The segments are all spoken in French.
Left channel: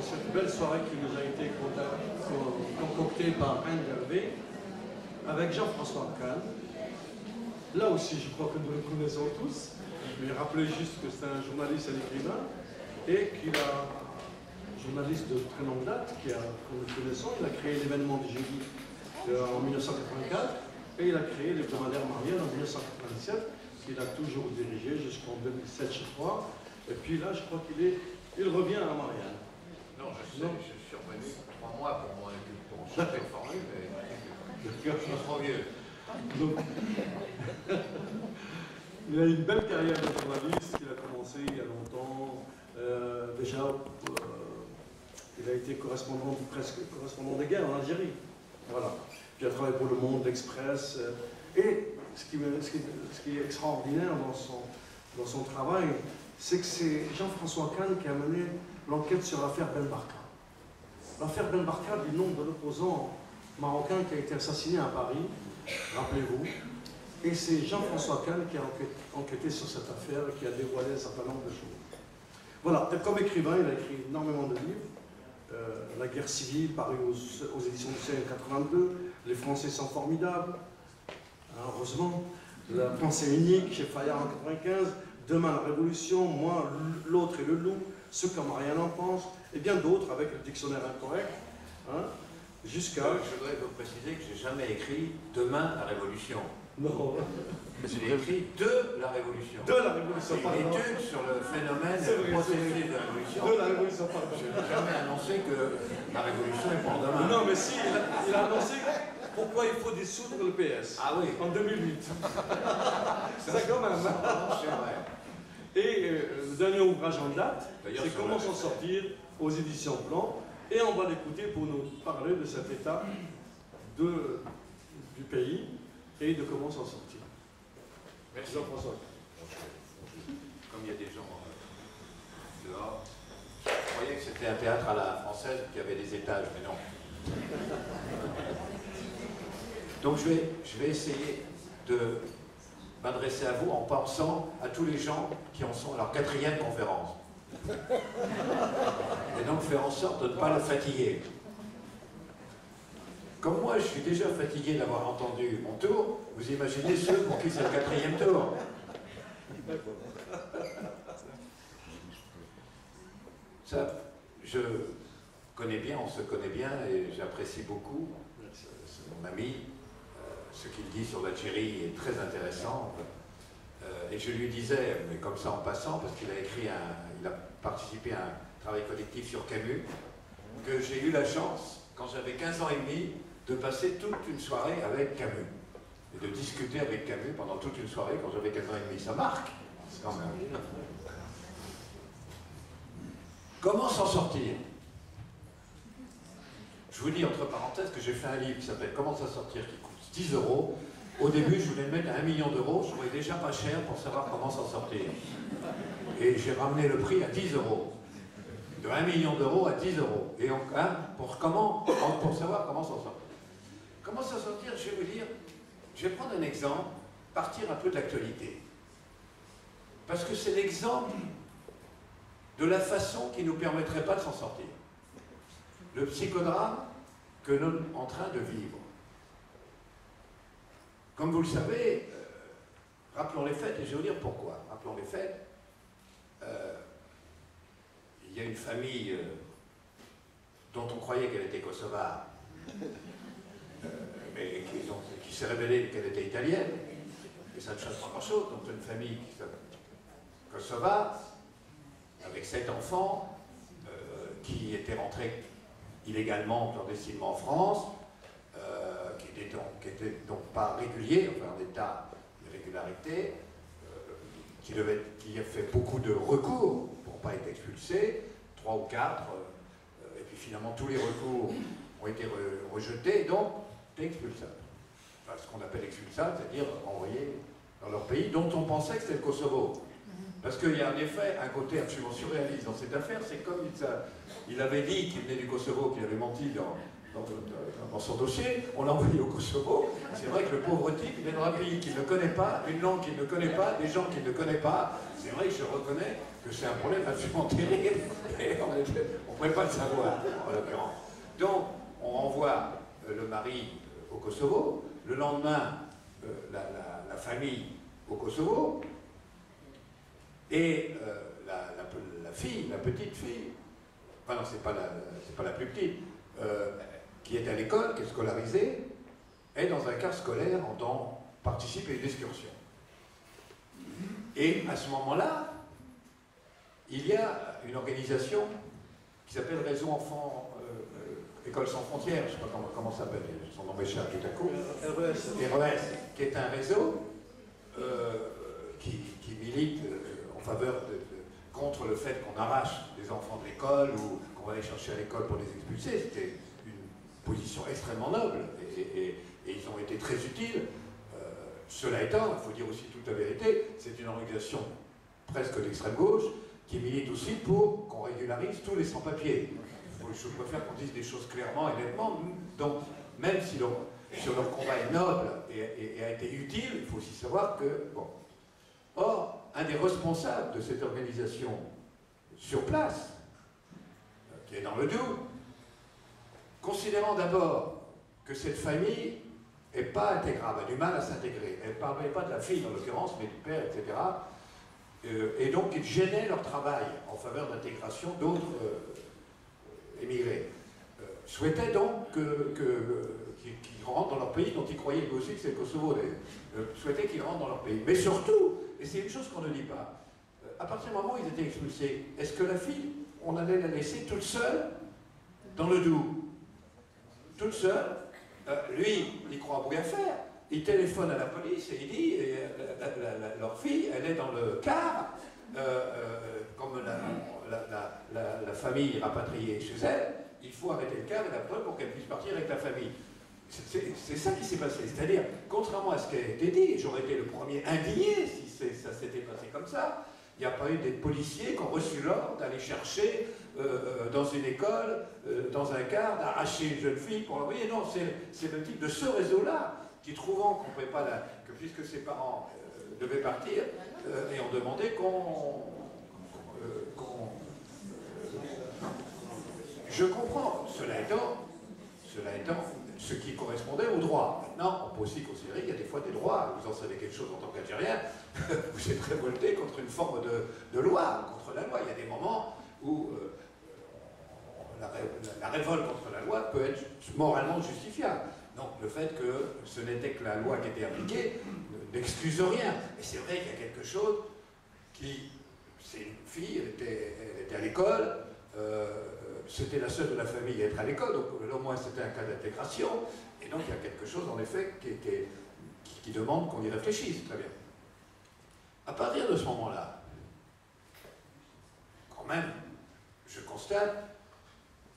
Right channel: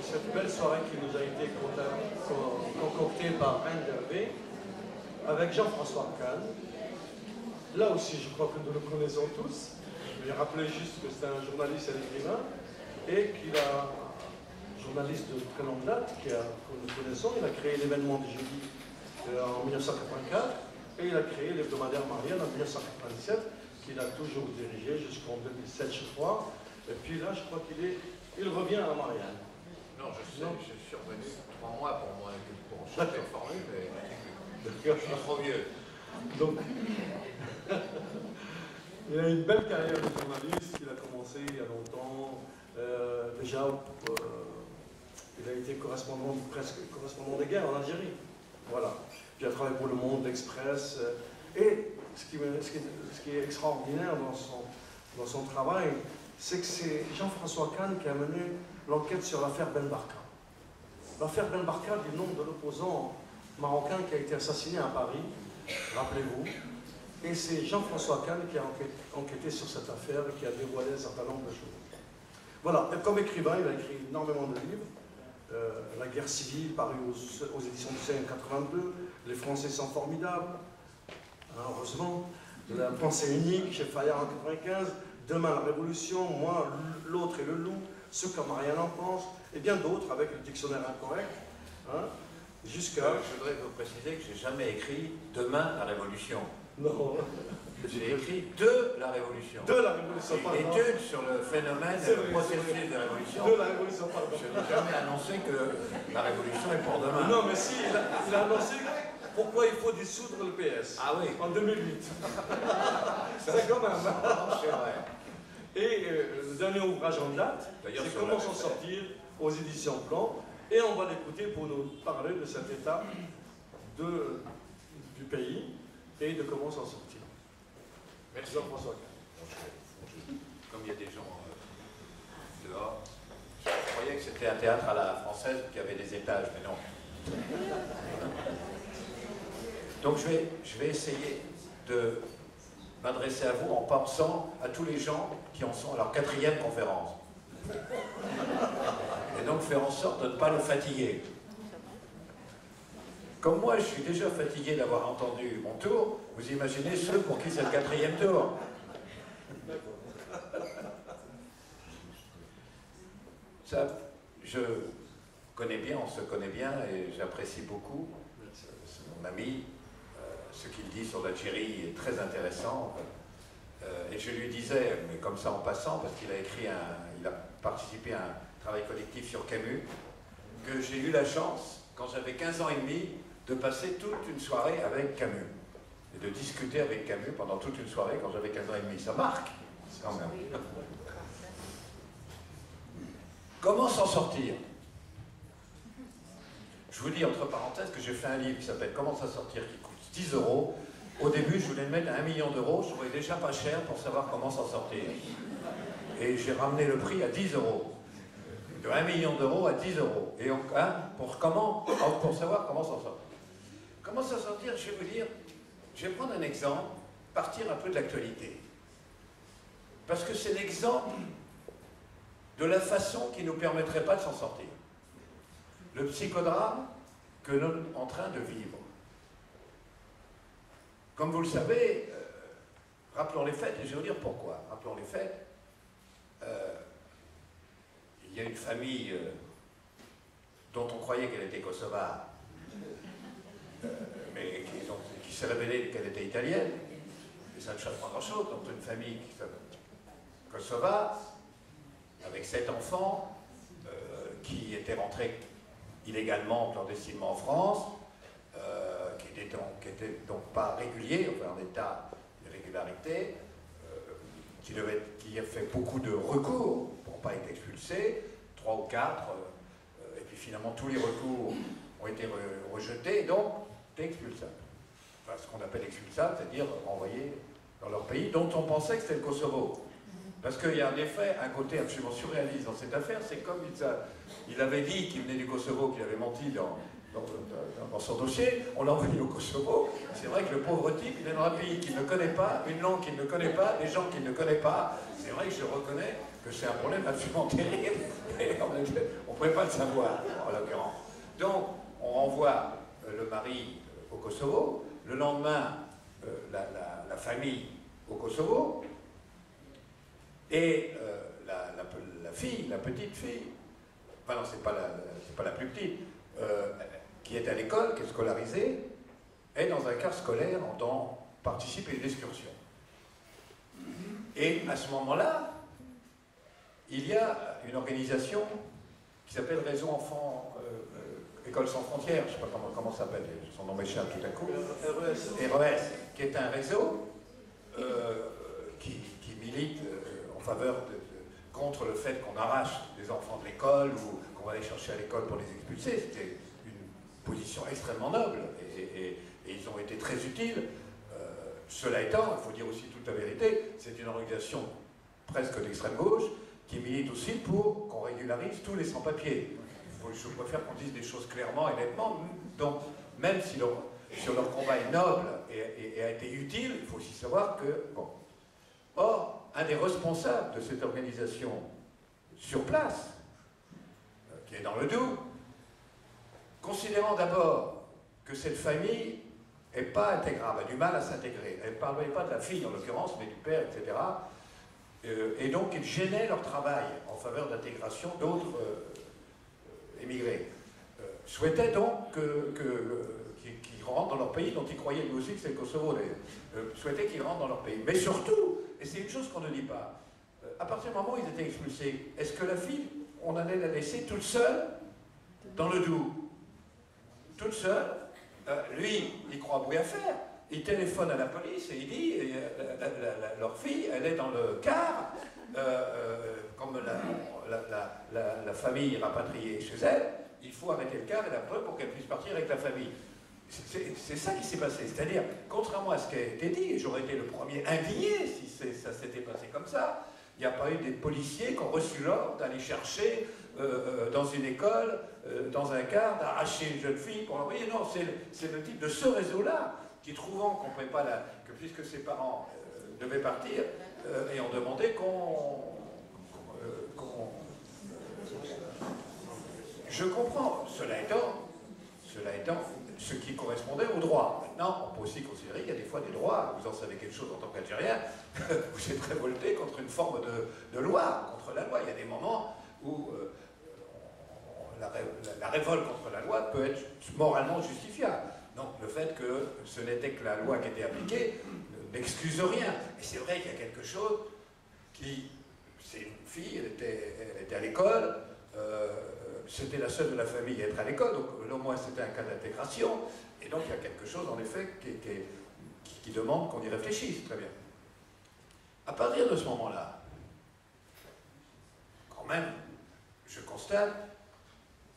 cette belle soirée qui nous a été concoctée par Reine d'Hervé avec Jean-François Kahn. Là aussi, je crois que nous le connaissons tous. Je vais rappeler juste que c'est un journaliste et écrivain et qu'il a journaliste de très longue date que nous connaissons. Il a créé l'événement du jeudi en 1984 et il a créé l'hebdomadaire Marianne en 1997 qu'il a toujours dirigé jusqu'en 2007, je crois. Et puis là, je crois il revient à Marianne. Non, je suis revenu 3 mois pour changer de formule, mais je suis trop vieux. Donc, il a une belle carrière de journaliste qu'il a commencé il y a longtemps. Déjà, il a été presque correspondant de guerre en Algérie. Voilà. Puis il a travaillé pour Le Monde, l'Express. Et ce qui est extraordinaire dans son travail, c'est que c'est Jean-François Kahn qui a mené l'enquête sur l'affaire Ben Barka. L'affaire Ben Barka du nom de l'opposant marocain qui a été assassiné à Paris, rappelez-vous. Et c'est Jean-François Kahn qui a enquêté sur cette affaire et qui a dévoilé un certain nombre de choses. Voilà, et comme écrivain, il a écrit énormément de livres. La guerre civile, paru aux éditions du CN 82, Les Français sont formidables, hein, heureusement. La pensée unique chez Fayard en 95, Demain la Révolution, Moi, l'autre et le loup, Ce que Marianne en pense, et bien d'autres avec le dictionnaire incorrect, hein, jusqu'à... Je voudrais vous préciser que j'ai jamais écrit Demain la Révolution. Non. J'ai écrit De la Révolution. De la Révolution, pardon. Une étude sur le phénomène et le processus de la Révolution. De la Révolution, pardon. Je n'ai jamais annoncé que la Révolution est pour demain. Non, mais si, il a annoncé pourquoi il faut dissoudre le PS. Ah oui. En 2008. C'est quand même. C'est vrai. Et le dernier ouvrage en date, c'est Comment s'en sortir aux éditions Plan. Et on va l'écouter pour nous parler de cette étape du pays et de comment s'en sortir. Merci. Jean-François. Comme il y a des gens dehors, je croyais que c'était un théâtre à la française qui avait des étages, mais non. Donc je vais essayer de m'adresser à vous en pensant à tous les gens qui en sont à leur 4e conférence. Et donc faire en sorte de ne pas le fatiguer. Comme moi, je suis déjà fatigué d'avoir entendu mon tour, vous imaginez ceux pour qui c'est le 4e tour. Ça, je connais bien, on se connaît bien et j'apprécie beaucoup. C'est mon ami. Ce qu'il dit sur l'Algérie est très intéressant. Et je lui disais, mais comme ça en passant, parce qu'il a participé à un travail collectif sur Camus, que j'ai eu la chance, quand j'avais 15 ans et demi, de passer toute une soirée avec Camus. Et de discuter avec Camus pendant toute une soirée quand j'avais 15 ans et demi. Ça marque, quand même. Comment s'en sortir? Je vous dis entre parenthèses que j'ai fait un livre qui s'appelle Comment s'en sortir, qui coûte 10 €. Au début, je voulais le mettre à 1 million d'euros, je trouvais déjà pas cher pour savoir comment s'en sortir. Et j'ai ramené le prix à 10 €. De 1 million d'euros à 10 €. Et pour savoir comment s'en sortir. Comment s'en sortir, je vais vous dire, je vais prendre un exemple, partir un peu de l'actualité. Parce que c'est l'exemple de la façon qui ne nous permettrait pas de s'en sortir. Le psychodrame que nous sommes en train de vivre. Comme vous le savez, rappelons les faits, et je vais vous dire pourquoi. Rappelons les faits. Il y a une famille dont on croyait qu'elle était kosovare, mais qui s'est révélé qu'elle était italienne, et ça ne change pas grand-chose. Donc une famille qui s'appelle kosovare, avec 7 enfants, qui étaient rentrés illégalement, clandestinement en France, qui n'étaient donc pas réguliers, enfin en état d'irrégularité, qui a fait beaucoup de recours pour ne pas être expulsé, 3 ou 4, et puis finalement tous les recours ont été rejetés, donc expulsable. Enfin, ce qu'on appelle expulsable, c'est-à-dire envoyé dans leur pays, dont on pensait que c'était le Kosovo. Parce qu'il y a en effet un côté absolument surréaliste dans cette affaire. C'est comme il avait dit qu'il venait du Kosovo, qu'il avait menti dans son dossier. On l'a envoyé au Kosovo. C'est vrai que le pauvre type, il est dans un pays qu'il ne connaît pas, une langue qu'il ne connaît pas, des gens qu'il ne connaît pas. C'est vrai que je reconnais que c'est un problème absolument terrible. Et on ne pouvait pas le savoir, en l'occurrence. Donc, on renvoie le mari au Kosovo. Le lendemain, la famille au Kosovo. Et la fille, la petite fille, enfin non, c'est pas la plus petite, qui est à l'école, qui est scolarisée, est dans un car scolaire en temps participe à une excursion. Et à ce moment-là, il y a une organisation qui s'appelle Réseau Enfants École sans frontières, je ne sais pas comment ça s'appelle, son nom m'échappe tout à coup. RES, qui est un réseau qui milite en faveur contre le fait qu'on arrache des enfants de l'école ou qu'on va les chercher à l'école pour les expulser. C'était une position extrêmement noble et ils ont été très utiles. Cela étant, il faut dire aussi toute la vérité, c'est une organisation presque d'extrême gauche qui milite aussi pour qu'on régularise tous les sans-papiers. Je préfère qu'on dise des choses clairement et nettement. Donc, même si leur combat est noble et a été utile, il faut aussi savoir que, bon. Or, un des responsables de cette organisation sur place, qui est dans le Doubs, considérant d'abord que cette famille n'est pas intégrable, a du mal à s'intégrer. Elle ne parlait pas de la fille en l'occurrence, mais du père, etc. Et donc, ils gênaient leur travail en faveur d'intégration d'autres émigrés. Souhaitaient donc qu'ils rentrent dans leur pays, dont ils croyaient aussi que c'est le Kosovo, souhaitaient qu'ils rentrent dans leur pays. Mais surtout, et c'est une chose qu'on ne dit pas, à partir du moment où ils étaient expulsés, est-ce que la fille, on allait la laisser toute seule dans le Doubs? Toute seule. Lui, il croit beaucoup à faire. Il téléphone à la police et il dit, leur fille, elle est dans le car, comme la famille est rapatriée chez elle, il faut arrêter le car et la preuve pour qu'elle puisse partir avec la famille. C'est ça qui s'est passé. C'est-à-dire, contrairement à ce qui a été dit, j'aurais été le premier indigné si ça s'était passé comme ça, il n'y a pas eu des policiers qui ont reçu l'ordre d'aller chercher dans une école, dans un car, d'arracher une jeune fille pour l'envoyer. Non, c'est le type de ce réseau-là qui, trouvant qu'on ne pouvait pas, que puisque ses parents devaient partir, et ont demandé je comprends, cela étant, ce qui correspondait au droit. Maintenant, on peut aussi considérer qu'il y a des fois des droits, vous en savez quelque chose en tant qu'Algérien, vous êtes révolté contre une forme de loi, contre la loi. Il y a des moments où la révolte contre la loi peut être moralement justifiable. Donc le fait que ce n'était que la loi qui était appliquée n'excuse rien. Et c'est vrai qu'il y a quelque chose qui... C'est une fille, elle était à l'école, c'était la seule de la famille à être à l'école, donc au moins c'était un cas d'intégration, et donc il y a quelque chose en effet qui demande qu'on y réfléchisse, très bien. À partir de ce moment-là, quand même, je constate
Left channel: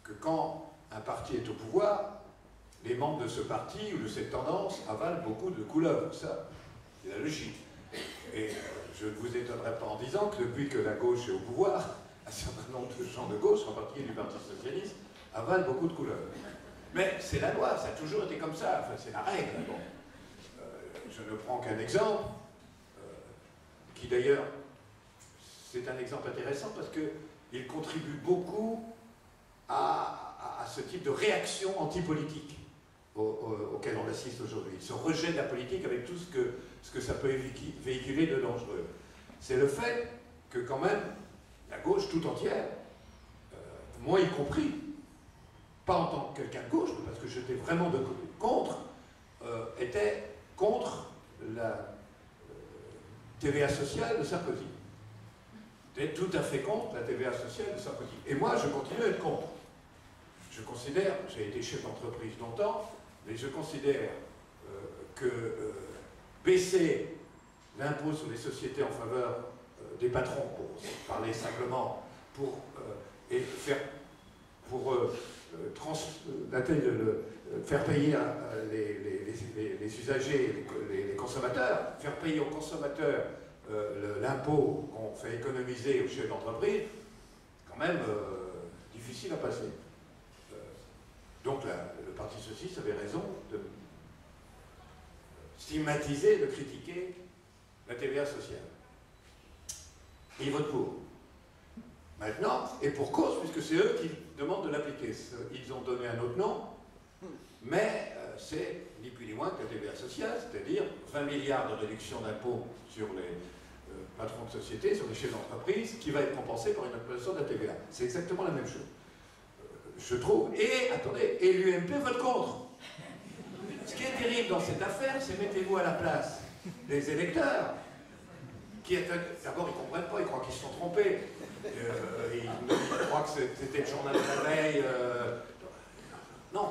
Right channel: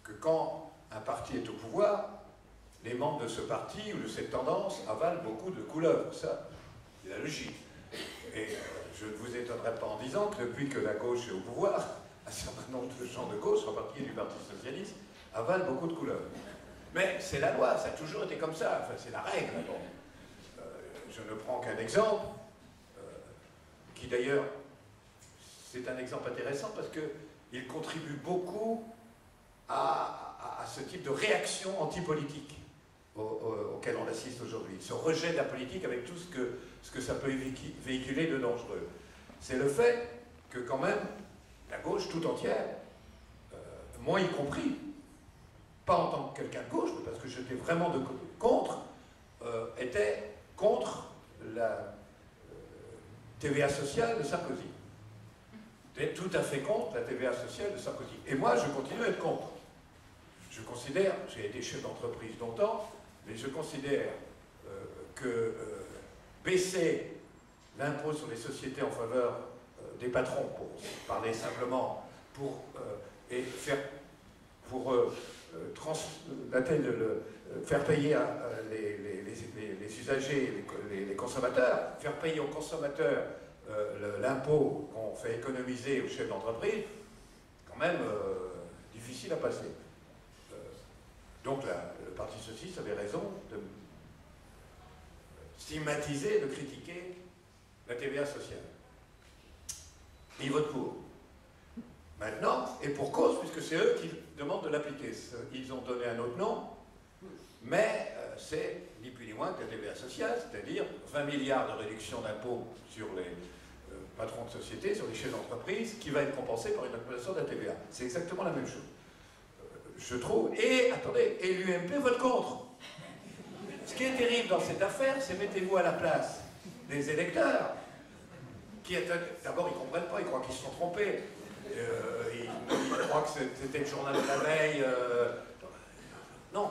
que quand un parti est au pouvoir, les membres de ce parti ou de cette tendance avalent beaucoup de couleuvres, ça, c'est la logique. Et je ne vous étonnerai pas en disant que depuis que la gauche est au pouvoir, un certain nombre de gens de gauche, en particulier du Parti Socialiste, avalent beaucoup de couleuvres. Mais c'est la loi, ça a toujours été comme ça, enfin c'est la règle. Bon. Je ne prends qu'un exemple, qui d'ailleurs, c'est un exemple intéressant parce qu'il contribue beaucoup à ce type de réaction antipolitique auquel on assiste aujourd'hui. Ce rejet de la politique avec tout ce que ça peut véhiculer de dangereux. C'est le fait que quand même, la gauche tout entière, moi y compris, pas en tant que quelqu'un de gauche, mais parce que j'étais vraiment contre, était contre la TVA sociale de Sarkozy. J'étais tout à fait contre la TVA sociale de Sarkozy. Et moi, je continue à être contre. Je considère, j'ai été chef d'entreprise longtemps, mais je considère que baisser l'impôt sur les sociétés en faveur des patrons, pour parler simplement, faire payer les usagers, les consommateurs, faire payer aux consommateurs l'impôt qu'on fait économiser aux chefs d'entreprise, quand même difficile à passer. Donc le Parti socialiste avait raison de stigmatiser, de critiquer la TVA sociale. Et ils votent pour. Maintenant, et pour cause, puisque c'est eux qui demandent de l'appliquer. Ils ont donné un autre nom, mais c'est ni plus ni moins que la TVA sociale, c'est-à-dire 20 milliards de réduction d'impôts sur les patrons de société, sur les chefs d'entreprise, qui va être compensé par une augmentation de la TVA. C'est exactement la même chose. Je trouve, et attendez, et l'UMP vote contre. Ce qui est terrible dans cette affaire, c'est mettez-vous à la place des électeurs, qui d'abord ils ne comprennent pas, ils croient qu'ils se sont trompés. Ils croient que c'était le journal de la veille. Non,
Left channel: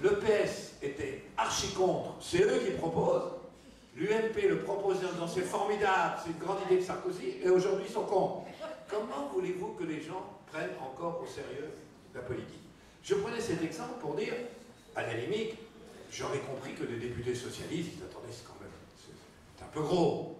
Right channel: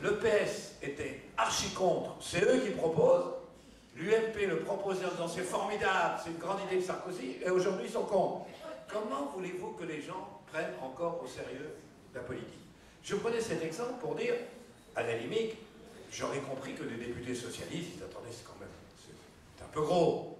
le PS était archi contre, c'est eux qui proposent. L'UMP le proposait en disant c'est formidable, c'est une grande idée de Sarkozy, et aujourd'hui ils sont contre. Comment voulez-vous que les gens prennent encore au sérieux la politique? Je prenais cet exemple pour dire, à la limite, j'aurais compris que les députés socialistes, ils attendaient, c'est un peu gros.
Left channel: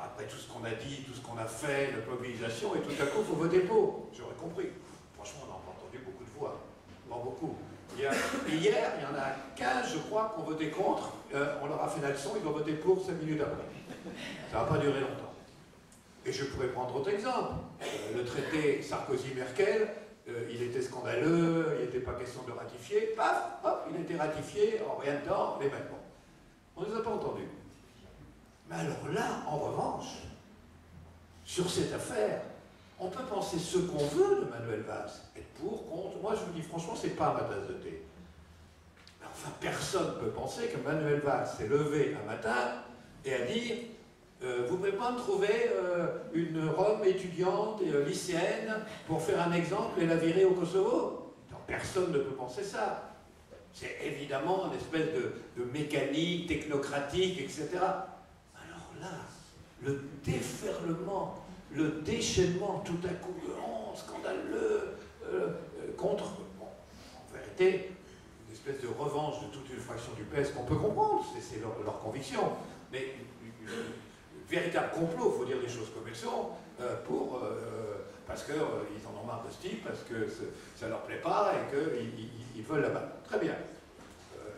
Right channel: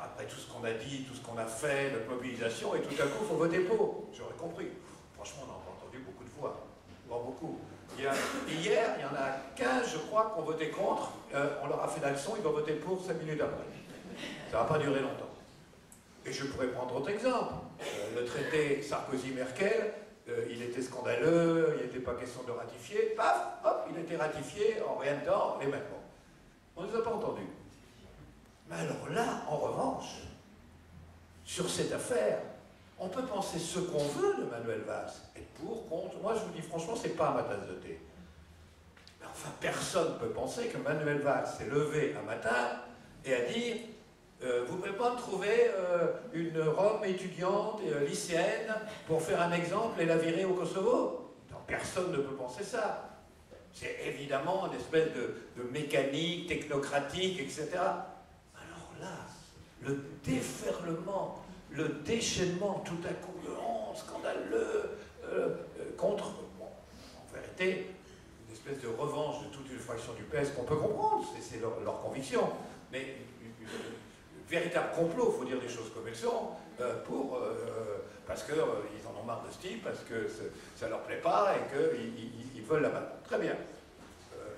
Après tout ce qu'on a dit, tout ce qu'on a fait, notre mobilisation, et tout à coup, il faut voter pour. J'aurais compris. Franchement, on a entendu beaucoup de voix. Bon, beaucoup. Hier, il y en a 15, je crois, qui ont voté contre. On leur a fait la leçon, ils vont voter pour 5 minutes après. Ça n'a pas duré longtemps. Et je pourrais prendre d'autres exemples. Le traité Sarkozy-Merkel, il était scandaleux, il n'était pas question de ratifier. Paf, hop, il a été ratifié en rien de temps, les mêmes. On ne les a pas entendus. Mais alors là, en revanche, sur cette affaire, on peut penser ce qu'on veut de Manuel Valls. Être pour, contre. Moi, je vous dis franchement, c'est pas ma tasse de thé. Mais enfin, personne ne peut penser que Manuel Valls s'est levé un matin et a dit vous ne pouvez pas me trouver une Rome étudiante et lycéenne pour faire un exemple et la virer au Kosovo. Non, personne ne peut penser ça. C'est évidemment une espèce de mécanique technocratique, etc. Alors là, le déferlement, le déchaînement tout à coup, scandaleux, contre, bon, en vérité, une espèce de revanche de toute une fraction du PS qu'on peut comprendre, c'est leur conviction, mais véritable complot, il faut dire les choses comme elles sont, parce qu'ils en ont marre de ce type, parce que ça ne leur plaît pas et qu'ils veulent la battre. Très bien.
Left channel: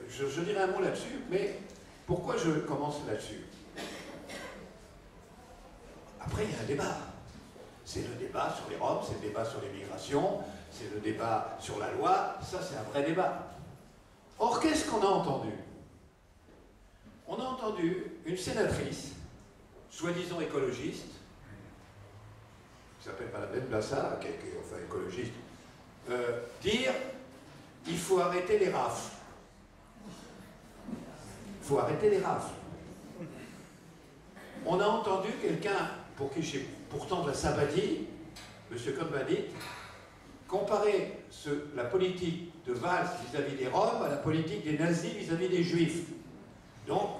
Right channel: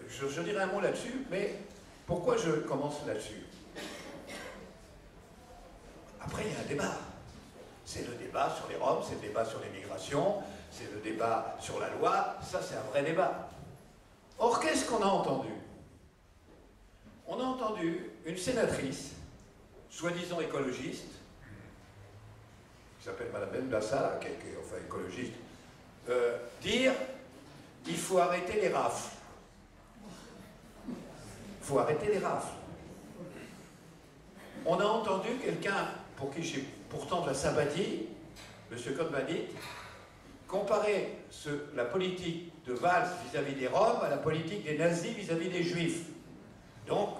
Je dirai un mot là-dessus, mais pourquoi je commence là-dessus? Après, il y a un débat. C'est le débat sur les Roms, c'est le débat sur l'immigration, c'est le débat sur la loi, ça c'est un vrai débat. Or, qu'est-ce qu'on a entendu? On a entendu une sénatrice, soi-disant écologiste, qui s'appelle Madame Benbassa, qui est enfin écologiste, dire il faut arrêter les rafles. Il faut arrêter les rafles. On a entendu quelqu'un, pour qui j'ai pourtant de la sympathie, M. Cohn-Bendit, comparer la politique de Valls vis-à-vis des Roms à la politique des nazis vis-à-vis des Juifs. Donc,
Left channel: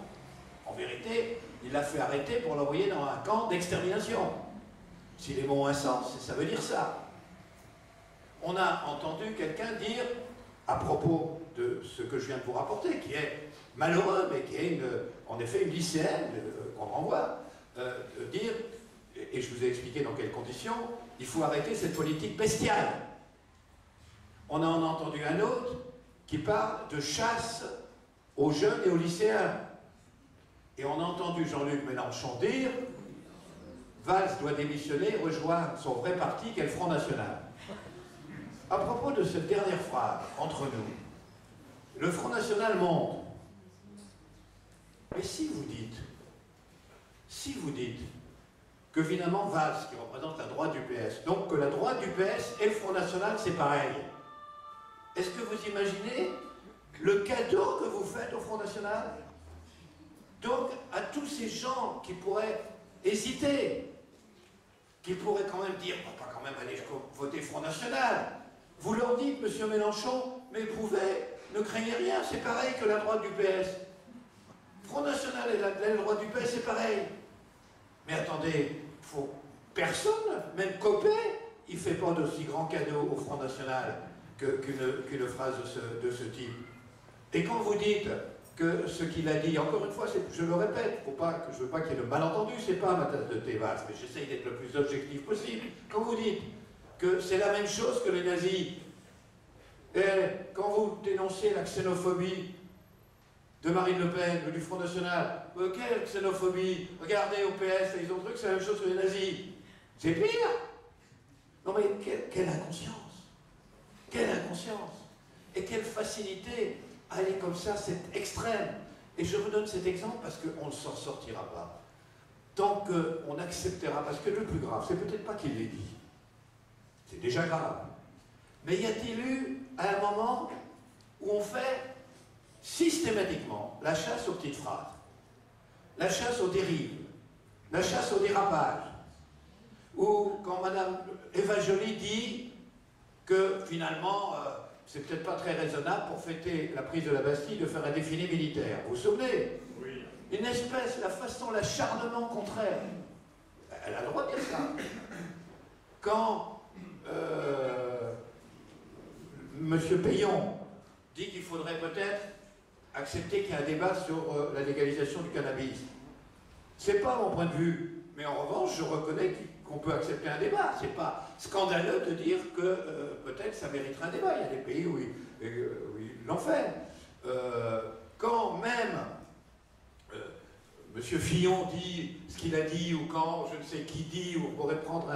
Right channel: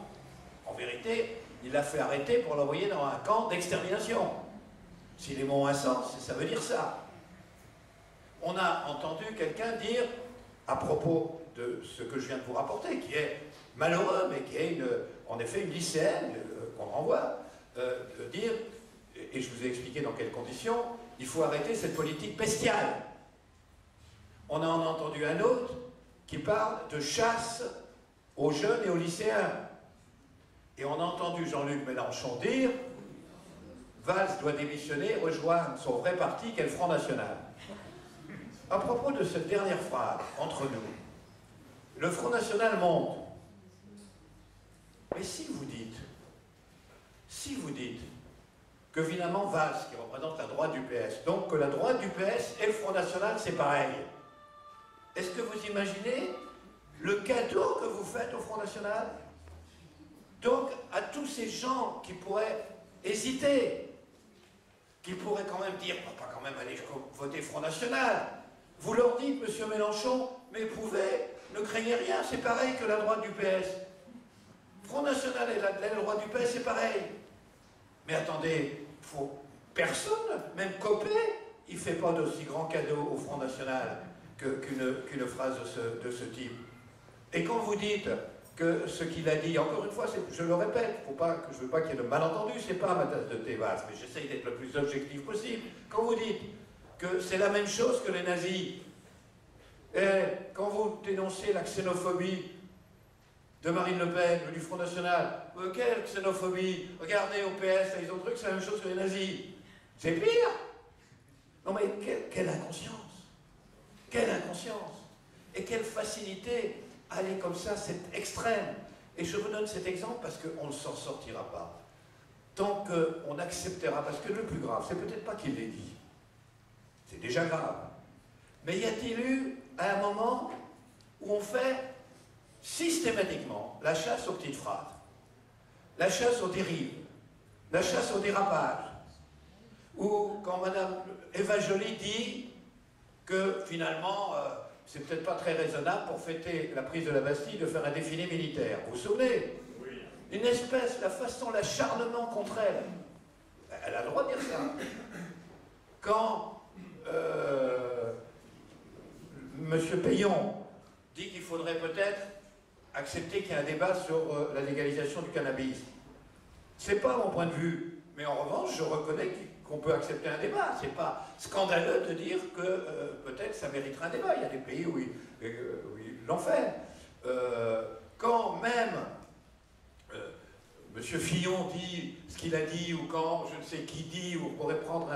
en vérité, il l'a fait arrêter pour l'envoyer dans un camp d'extermination. Si les mots ont un sens, ça veut dire ça. On a entendu quelqu'un dire, à propos de ce que je viens de vous rapporter, qui est malheureux, mais qui est en effet une lycéenne qu'on renvoie, dire, et je vous ai expliqué dans quelles conditions, il faut arrêter cette politique bestiale. On en a entendu un autre qui parle de chasse aux jeunes et aux lycéens. Et on a entendu Jean-Luc Mélenchon dire Valls doit démissionner et rejoindre son vrai parti qu'est le Front National. À propos de cette dernière phrase, entre nous, le Front National monte. Mais si vous dites que finalement Valls, qui représente la droite du PS, donc que la droite du PS et le Front National, c'est pareil, est-ce que vous imaginez le cadeau que vous faites au Front National? Donc, à tous ces gens qui pourraient hésiter, qui pourraient quand même dire, on va pas quand même aller voter Front National, vous leur dites, monsieur Mélenchon, mais vous pouvez, ne craignez rien, c'est pareil que la droite du PS. Front National et la droite du PS, c'est pareil. Mais attendez, personne, même Copé, il ne fait pas d'aussi grand cadeau au Front National qu'une phrase de ce type. Et quand vous dites, que ce qu'il a dit, encore une fois, je le répète, je ne veux pas qu'il y ait de malentendu, c'est pas ma tasse de thé vaste, mais j'essaye d'être le plus objectif possible. Quand vous dites que c'est la même chose que les nazis, et quand vous dénoncez la xénophobie de Marine Le Pen ou du Front National, quelle xénophobie? Regardez au PS, ils ont cru que c'est la même chose que les nazis. C'est pire. Non mais quelle inconscience. Quelle inconscience. Et quelle facilité à aller comme ça, c'est extrême. Et je vous donne cet exemple parce qu'on ne s'en sortira pas. Tant qu'on acceptera, parce que le plus grave, c'est peut-être pas qu'il l'ait dit. C'est déjà grave. Mais y a-t-il eu à un moment où on fait systématiquement la chasse aux petites phrases, la chasse aux dérives, la chasse au dérapage, ou quand Madame Eva Joly dit que finalement, c'est peut-être pas très raisonnable pour fêter la prise de la Bastille de faire un défilé militaire. Vous vous souvenez? Oui. Une espèce, la façon, l'acharnement contre elle. Elle a le droit de dire ça. Quand Monsieur Payon dit qu'il faudrait peut-être accepter qu'il y ait un débat sur la légalisation du cannabis. C'est pas mon point de vue, mais en revanche, je reconnais qu'on peut accepter un débat. C'est pas scandaleux de dire que peut-être ça mériterait un débat. Il y a des pays où ils l'ont fait. Quand même Monsieur Fillon dit ce qu'il a dit, ou quand je ne sais qui dit, ou on pourrait prendre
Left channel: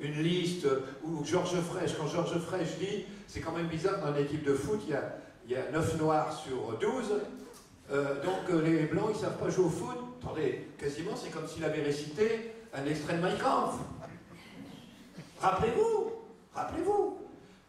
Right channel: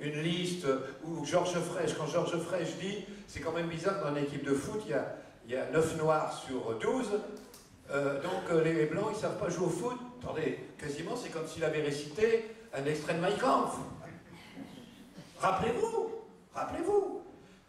une liste, ou Georges Frêche, quand Georges Frêche dit, c'est quand même bizarre, dans une équipe de foot, il y a 9 noirs sur 12, donc les blancs, ils ne savent pas jouer au foot. Attendez, quasiment, c'est comme s'il avait récité un extrait de Mein Kampf. Rappelez-vous, rappelez-vous.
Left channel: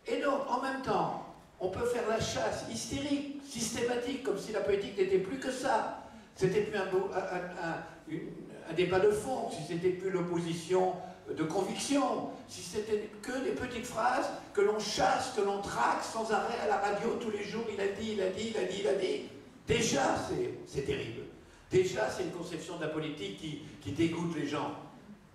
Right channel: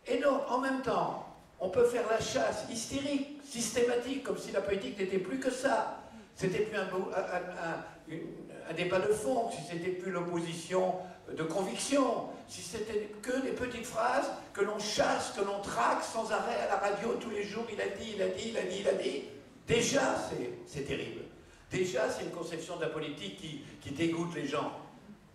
Et donc, en même temps, on peut faire la chasse hystérique, systématique, comme si la politique n'était plus que ça. C'était plus un débat de fond, si c'était plus l'opposition de conviction, si c'était que des petites phrases que l'on chasse, que l'on traque sans arrêt à la radio tous les jours, il a dit, il a dit, il a dit, il a dit. Déjà, c'est terrible. Déjà, c'est une conception de la politique qui dégoûte les gens.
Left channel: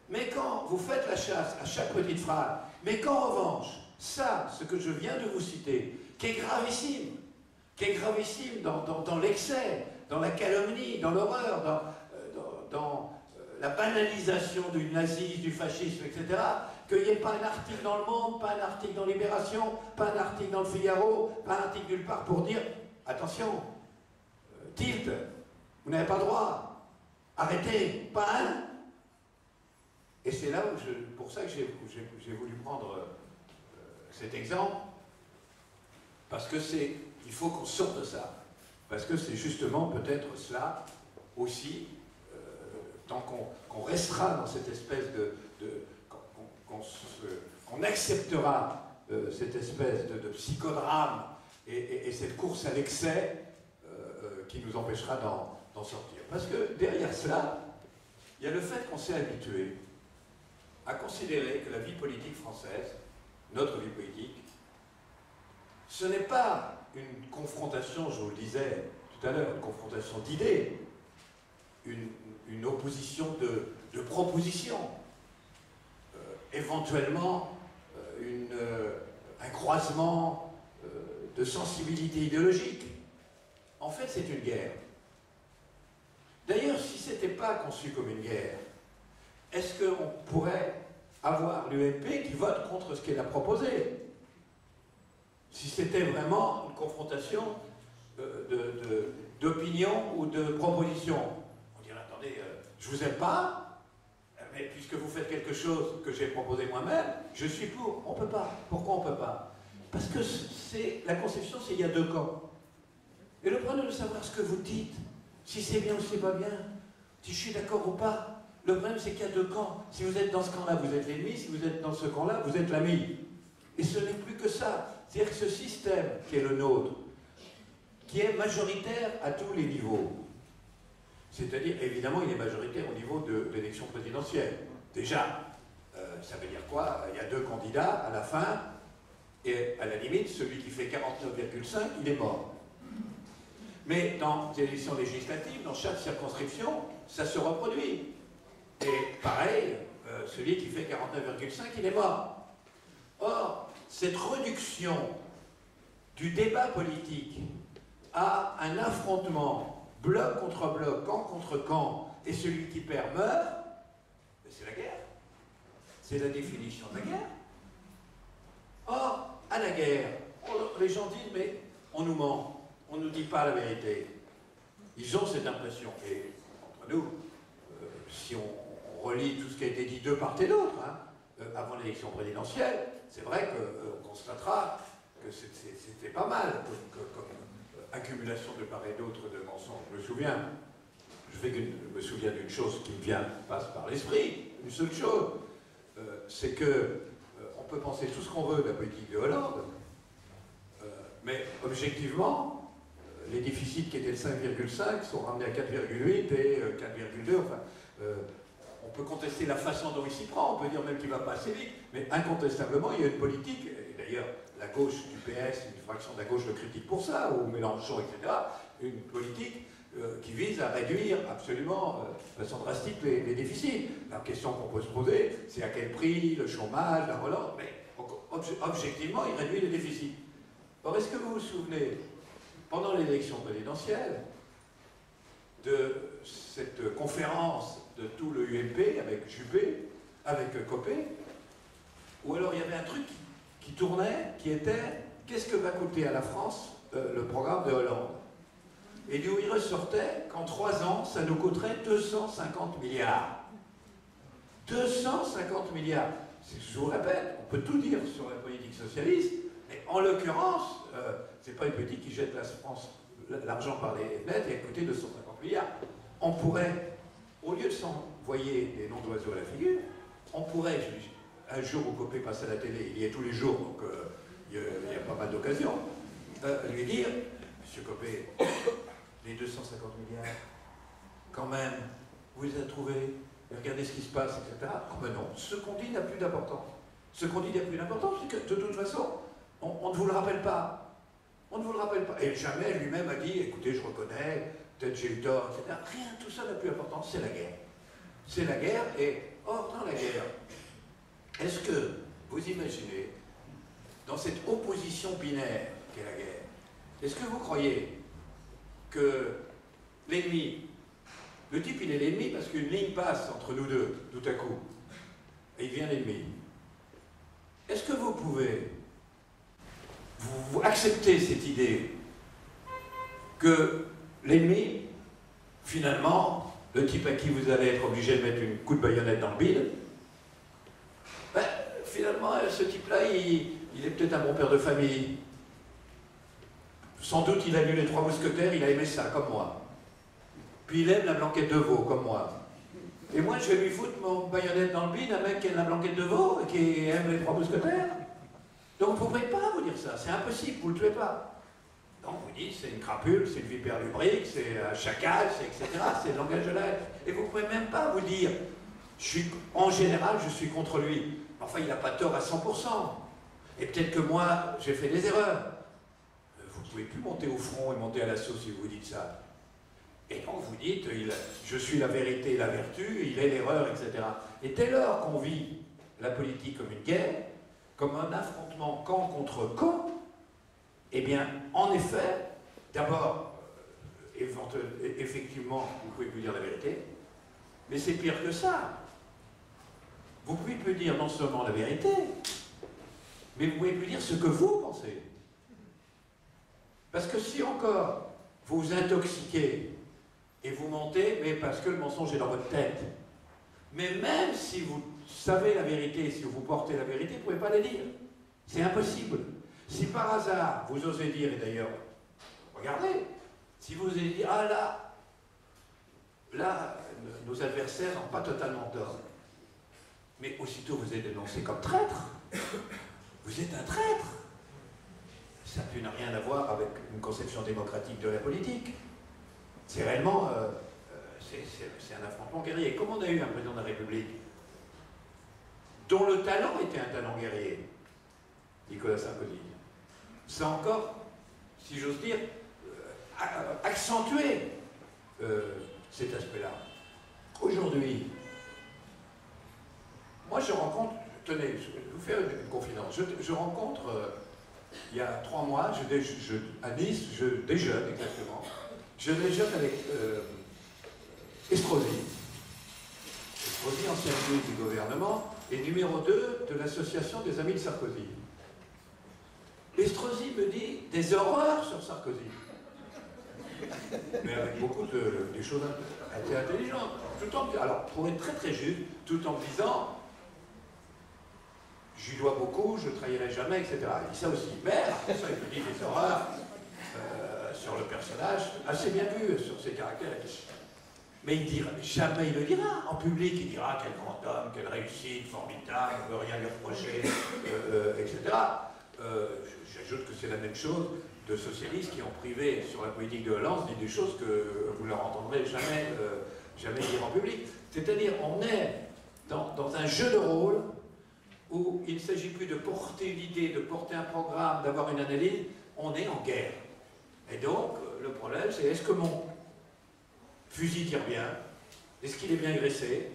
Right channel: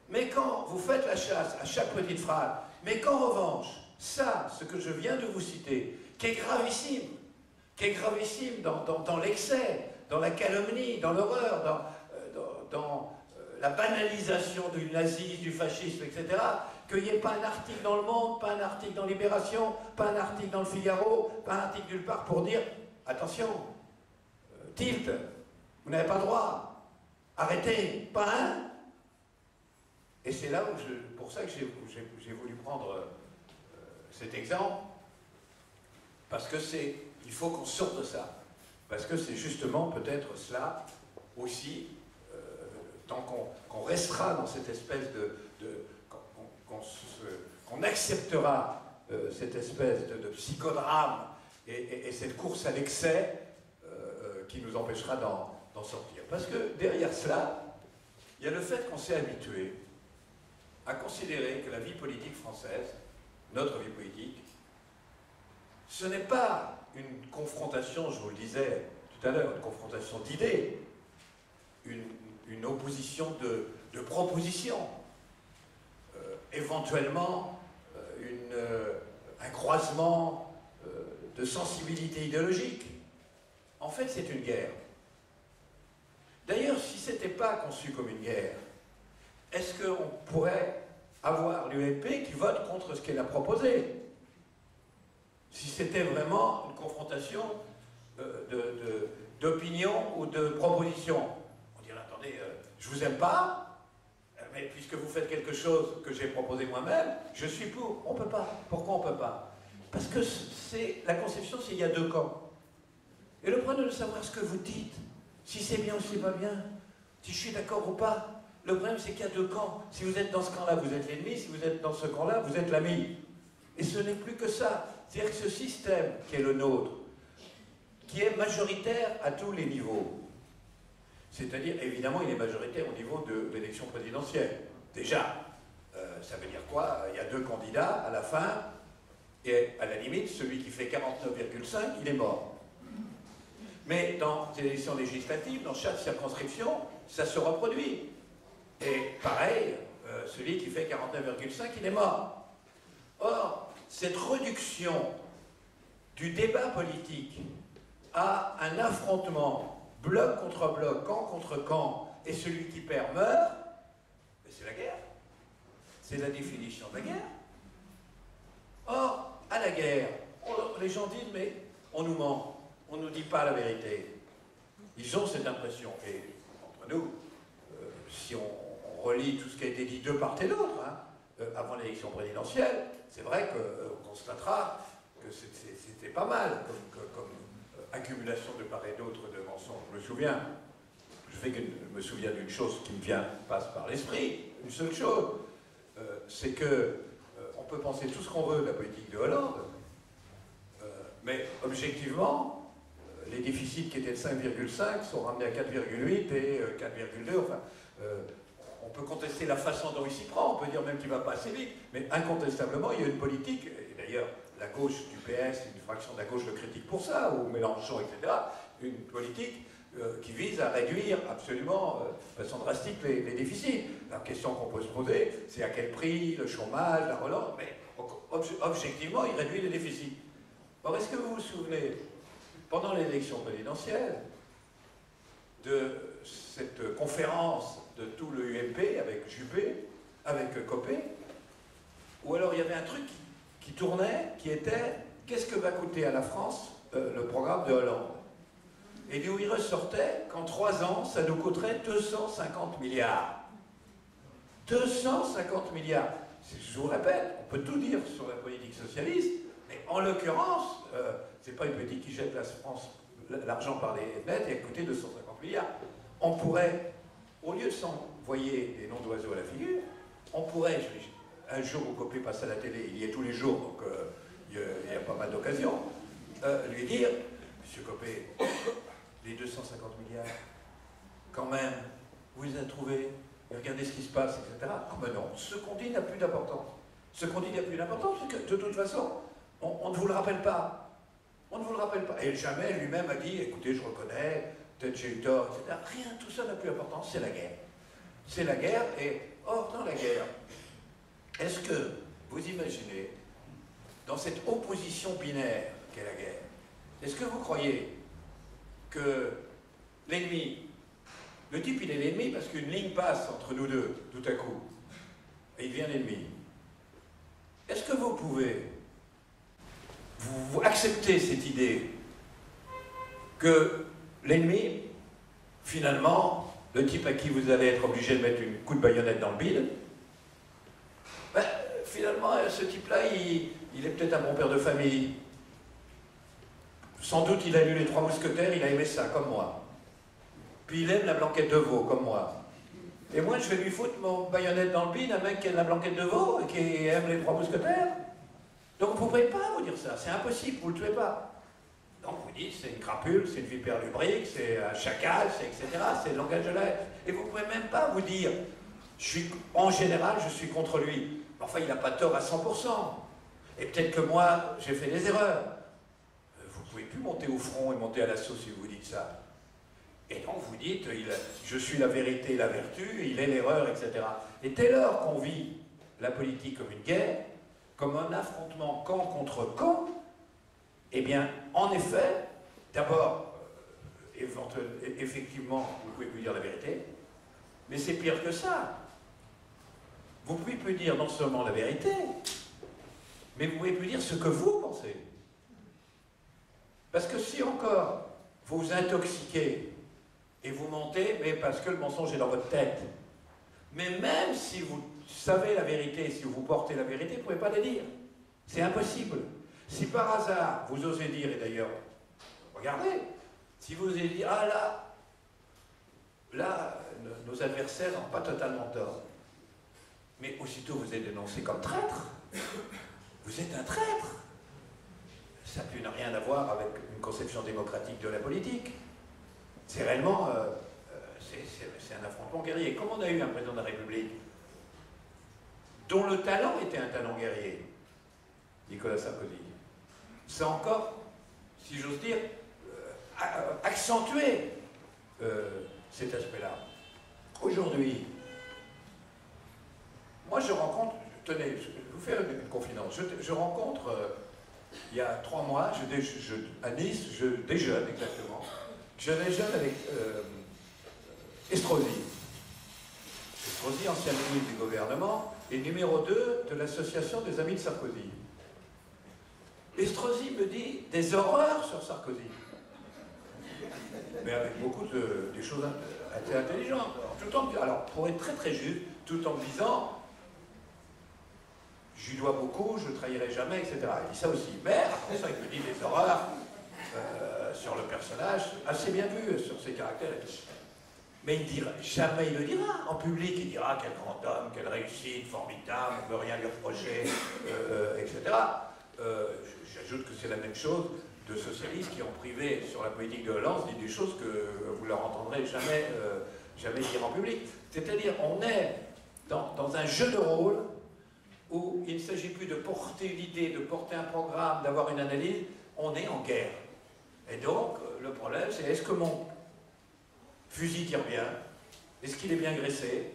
Mais quand vous faites la chasse à chaque petite phrase, mais qu'en revanche, ça, ce que je viens de vous citer, qui est gravissime dans l'excès, dans la calomnie, dans l'horreur, dans la banalisation du nazisme, du fascisme, etc., qu'il n'y ait pas un article dans Le Monde, pas un article dans Libération, pas un article dans Le Figaro, pas un article nulle part pour dire « Attention, tilt, vous n'avez pas le droit, arrêtez, pas un !» Et c'est là où pour ça que j'ai voulu prendre cet exemple, parce que il faut qu'on sorte de ça. Parce que c'est justement peut-être cela aussi, tant qu'on restera dans cette espèce qu'on acceptera cette espèce de psychodrame et cette course à l'excès qui nous empêchera d'en sortir. Parce que derrière cela, il y a le fait qu'on s'est habitué à considérer que la vie politique française, notre vie politique, ce n'est pas une confrontation, je vous le disais tout à l'heure, une confrontation d'idées, une opposition de propositions, éventuellement un croisement de sensibilité idéologique. En fait, c'est une guerre. D'ailleurs, si ce n'était pas conçu comme une guerre, est-ce qu'on pourrait avoir l'UMP qui vote contre ce qu'elle a proposé? Si c'était vraiment une confrontation d'opinion ou de proposition. On dirait, attendez, je vous aime pas, mais puisque vous faites quelque chose que j'ai proposé moi-même, je suis pour. On ne peut pas. Pourquoi on ne peut pas? Parce que la conception, c'est il y a deux camps. Et le problème de savoir ce que vous dites, si c'est bien ou si c'est pas bien, si je suis d'accord ou pas, le problème c'est qu'il y a deux camps. Si vous êtes dans ce camp-là, vous êtes l'ennemi, si vous êtes dans ce camp-là, vous êtes l'ami. Et ce n'est plus que ça. C'est-à-dire que ce système qui est le nôtre, qui est majoritaire à tous les niveaux, c'est-à-dire, évidemment, il est majoritaire au niveau de l'élection présidentielle. Déjà, ça veut dire quoi? Il y a deux candidats à la fin, et à la limite, celui qui fait 49,5, il est mort. Mais dans les élections législatives, dans chaque circonscription, ça se reproduit. Et pareil, celui qui fait 49,5, il est mort. Or, cette réduction du débat politique à un affrontement bloc contre bloc, camp contre camp, et celui qui perd meurt, c'est la guerre. C'est la définition de la guerre. Or, à la guerre, les gens disent, mais on nous ment, on ne nous dit pas la vérité. Ils ont cette impression. Et entre nous, si on relit tout ce qui a été dit de part et d'autre, hein, avant l'élection présidentielle, c'est vrai qu'on constatera que c'était pas mal comme accumulation de part et d'autre de mensonges. Je me souviens d'une chose qui passe par l'esprit, une seule chose, c'est que on peut penser tout ce qu'on veut de la politique de Hollande, mais objectivement, les déficits qui étaient de 5,5 sont ramenés à 4,8 et 4,2. Enfin, on peut contester la façon dont il s'y prend, on peut dire même qu'il ne va pas assez vite, mais incontestablement, il y a une politique, et d'ailleurs, la gauche du PS, une fraction de la gauche le critique pour ça, ou Mélenchon, etc., une politique qui vise à réduire absolument, de façon drastique, les déficits. La question qu'on peut se poser, c'est à quel prix, le chômage, la relance, mais objectivement, il réduit les déficits. Or, est-ce que vous vous souvenez, pendant l'élection présidentielle, de cette conférence de tout le UMP avec Juppé, avec Copé, où alors il y avait un truc qui tournait, qui était « Qu'est-ce que va coûter à la France le programme de Hollande ?» Et d'où il ressortait qu'en 3 ans, ça nous coûterait 250 milliards. 250 milliards. Je vous répète, on peut tout dire sur la politique socialiste, mais en l'occurrence, c'est pas une politique qui jette la France l'argent par les fenêtres et a coûté 250 milliards. On pourrait, au lieu de s'envoyer des noms d'oiseaux à la figure, on pourrait, un jour où Copé passe à la télé, il y est tous les jours, donc il y a pas mal d'occasions, lui dire, Monsieur Copé, les 250 milliards, quand même, vous les avez trouvés, regardez ce qui se passe, etc. Oh ben non, ce qu'on dit n'a plus d'importance. Ce qu'on dit n'a plus d'importance, c'est que de toute façon, on ne vous le rappelle pas. On ne vous le rappelle pas. Et jamais lui-même a dit, écoutez, je reconnais, peut-être j'ai eu tort, etc. Rien, tout ça n'a plus d'importance, c'est la guerre. C'est la guerre, et or, dans la guerre, est-ce que vous imaginez, dans cette opposition binaire qu'est la guerre, est-ce que vous croyez que l'ennemi, le type il est l'ennemi parce qu'une ligne passe entre nous deux, tout à coup, et il devient l'ennemi. Est-ce que vous pouvez vous accepter cette idée que l'ennemi, finalement, le type à qui vous allez être obligé de mettre un coup de baïonnette dans le bide, ben, finalement, ce type-là, il est peut-être un bon père de famille. Sans doute, il a lu les 3 Mousquetaires, il a aimé ça, comme moi. Puis il aime la blanquette de veau, comme moi. Et moi, je vais lui foutre mon baïonnette dans le bide, un mec qui aime la blanquette de veau et qui aime les 3 Mousquetaires. Donc vous ne pouvez pas vous dire ça, c'est impossible, vous ne le tuez pas. Donc vous dites, c'est une crapule, c'est une vipère lubrique, c'est un chacal, c'est etc., c'est le langage de la haine. Et vous ne pouvez même pas vous dire, en général, je suis contre lui. Enfin, il n'a pas tort à 100%. Et peut-être que moi, j'ai fait des erreurs. Vous ne pouvez plus monter au front et monter à l'assaut si vous dites ça. Et donc vous dites, je suis la vérité et la vertu, il est l'erreur, etc. Et dès lors qu'on vit la politique comme une guerre, comme un affrontement camp contre camp, eh bien, en effet, d'abord, effectivement, vous pouvez plus dire la vérité, mais c'est pire que ça. Vous pouvez plus dire non seulement la vérité, mais vous pouvez plus dire ce que vous pensez. Parce que si encore vous vous intoxiquez et vous mentez, mais parce que le mensonge est dans votre tête, mais même si vous savez la vérité, si vous portez la vérité, vous ne pouvez pas la dire. C'est impossible. Si par hasard, vous osez dire, et d'ailleurs, regardez, si vous osez dire, ah là, nos adversaires n'ont pas totalement tort, mais aussitôt vous êtes dénoncé comme traître, vous êtes un traître. Ça n'a rien à voir avec une conception démocratique de la politique. C'est réellement, c'est un affrontement guerrier. Comme on a eu un président de la République dont le talent était un talent guerrier, Nicolas Sarkozy, ça encore, si j'ose dire, accentué cet aspect-là. Aujourd'hui, moi je rencontre, tenez, je vais vous faire une confidence, je rencontre il y a 3 mois, à Nice, je déjeune exactement. Je déjeune avec Estrosi. Estrosi, ancien ministre du gouvernement, et numéro 2 de l'association des Amis de Sarkozy. Estrosi me dit des horreurs sur Sarkozy. Mais avec beaucoup des choses assez intelligentes. Alors, pour être très très juste, tout en me disant, je lui dois beaucoup, je ne le trahirai jamais, etc. Il dit ça aussi. Mais après ça, il me dit des horreurs sur le personnage, assez bien vu sur ses caractères. Mais il dira, jamais il le dira en public. Il dira quel grand homme, quelle réussite, formidable, on ne peut rien lui reprocher, etc. J'ajoute que c'est la même chose de socialistes qui, en privé, sur la politique de Hollande, disent des choses que vous ne leur entendrez jamais, jamais dire en public. C'est-à-dire, on est dans un jeu de rôle où il ne s'agit plus de porter l'idée, de porter un programme, d'avoir une analyse, on est en guerre. Et donc, le problème, c'est est-ce que mon fusil tire bien? Est-ce qu'il est bien graissé?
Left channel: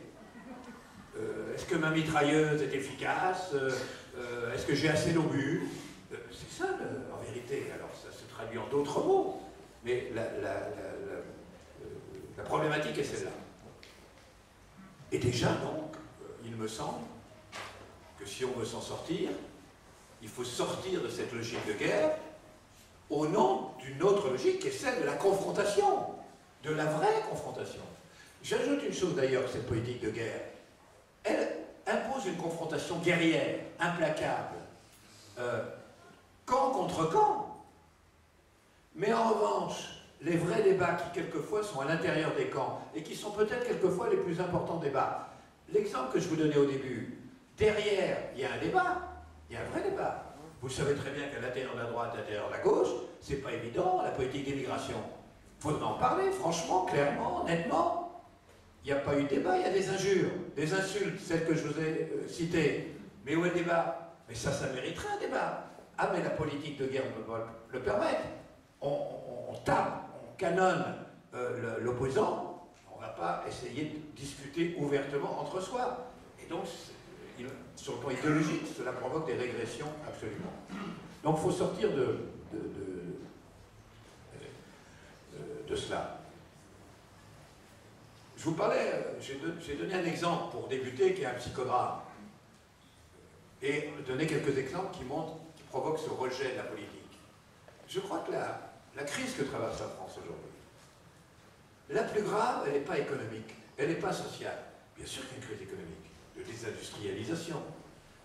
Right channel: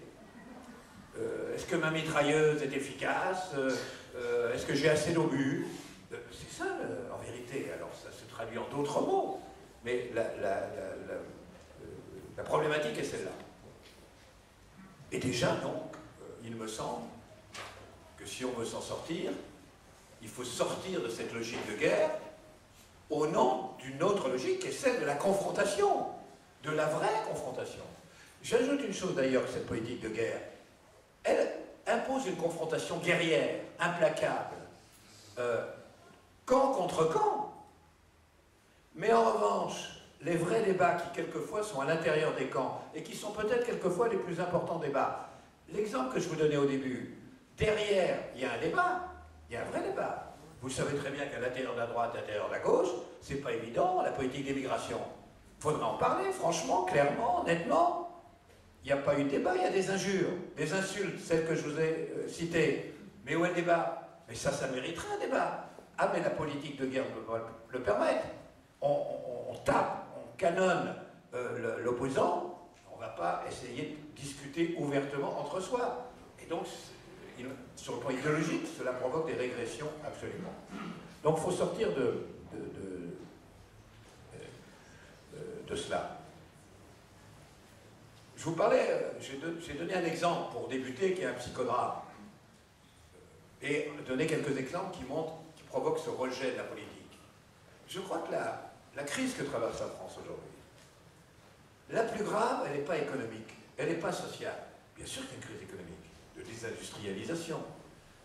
Est-ce que ma mitrailleuse est efficace? Est-ce que j'ai assez d'obus? C'est ça, en vérité. Alors, ça se traduit en d'autres mots, mais la problématique est celle-là. Et déjà, donc, il me semble que si on veut s'en sortir, il faut sortir de cette logique de guerre au nom d'une autre logique qui est celle de la confrontation, de la vraie confrontation. J'ajoute une chose d'ailleurs que cette politique de guerre, elle impose une confrontation guerrière, implacable, camp contre camp. Mais en revanche, les vrais débats qui quelquefois sont à l'intérieur des camps et qui sont peut-être quelquefois les plus importants débats. L'exemple que je vous donnais au début, derrière, il y a un débat, il y a un vrai débat. Vous savez très bien qu'à l'intérieur de la droite, à l'intérieur de la gauche, c'est pas évident, la politique d'immigration. Il faudra en parler, franchement, clairement, honnêtement. Il n'y a pas eu de débat, il y a des injures, des insultes, celles que je vous ai citées. Mais où est le débat? Mais ça mériterait un débat. Ah, mais la politique de guerre peut pas le permettre. On tape, on canonne l'opposant, on ne va pas essayer de discuter ouvertement entre soi. Et donc, sur le plan idéologique, cela provoque des régressions absolument. Donc il faut sortir de cela. Je vous parlais, j'ai donné un exemple pour débuter qui est un psychodrame. Et donner quelques exemples qui provoquent ce rejet de la politique. Je crois que la crise que traverse la France aujourd'hui, la plus grave, elle n'est pas économique, elle n'est pas sociale. Bien sûr qu'il y a une crise économique, de désindustrialisation.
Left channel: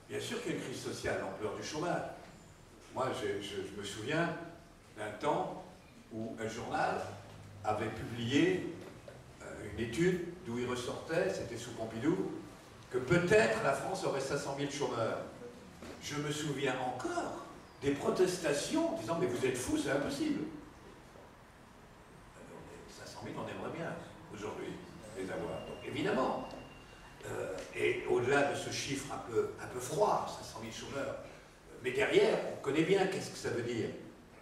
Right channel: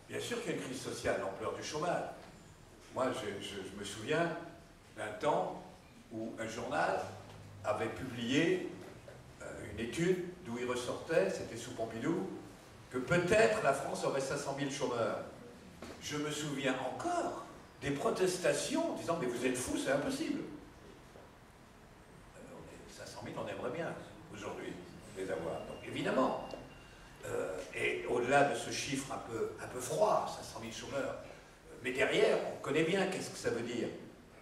Bien sûr qu'il y a une crise sociale, l'ampleur du chômage. Moi, je me souviens d'un temps où un journal avait publié une étude d'où il ressortait, c'était sous Pompidou, que peut-être la France aurait 500 000 chômeurs. Je me souviens encore des protestations disant « mais vous êtes fous, c'est impossible ». 500 000, on aimerait bien aujourd'hui les avoir. Donc évidemment, et au-delà de ce chiffre un peu froid, 500 000 chômeurs, mais derrière, on connaît bien qu'est-ce que ça veut dire.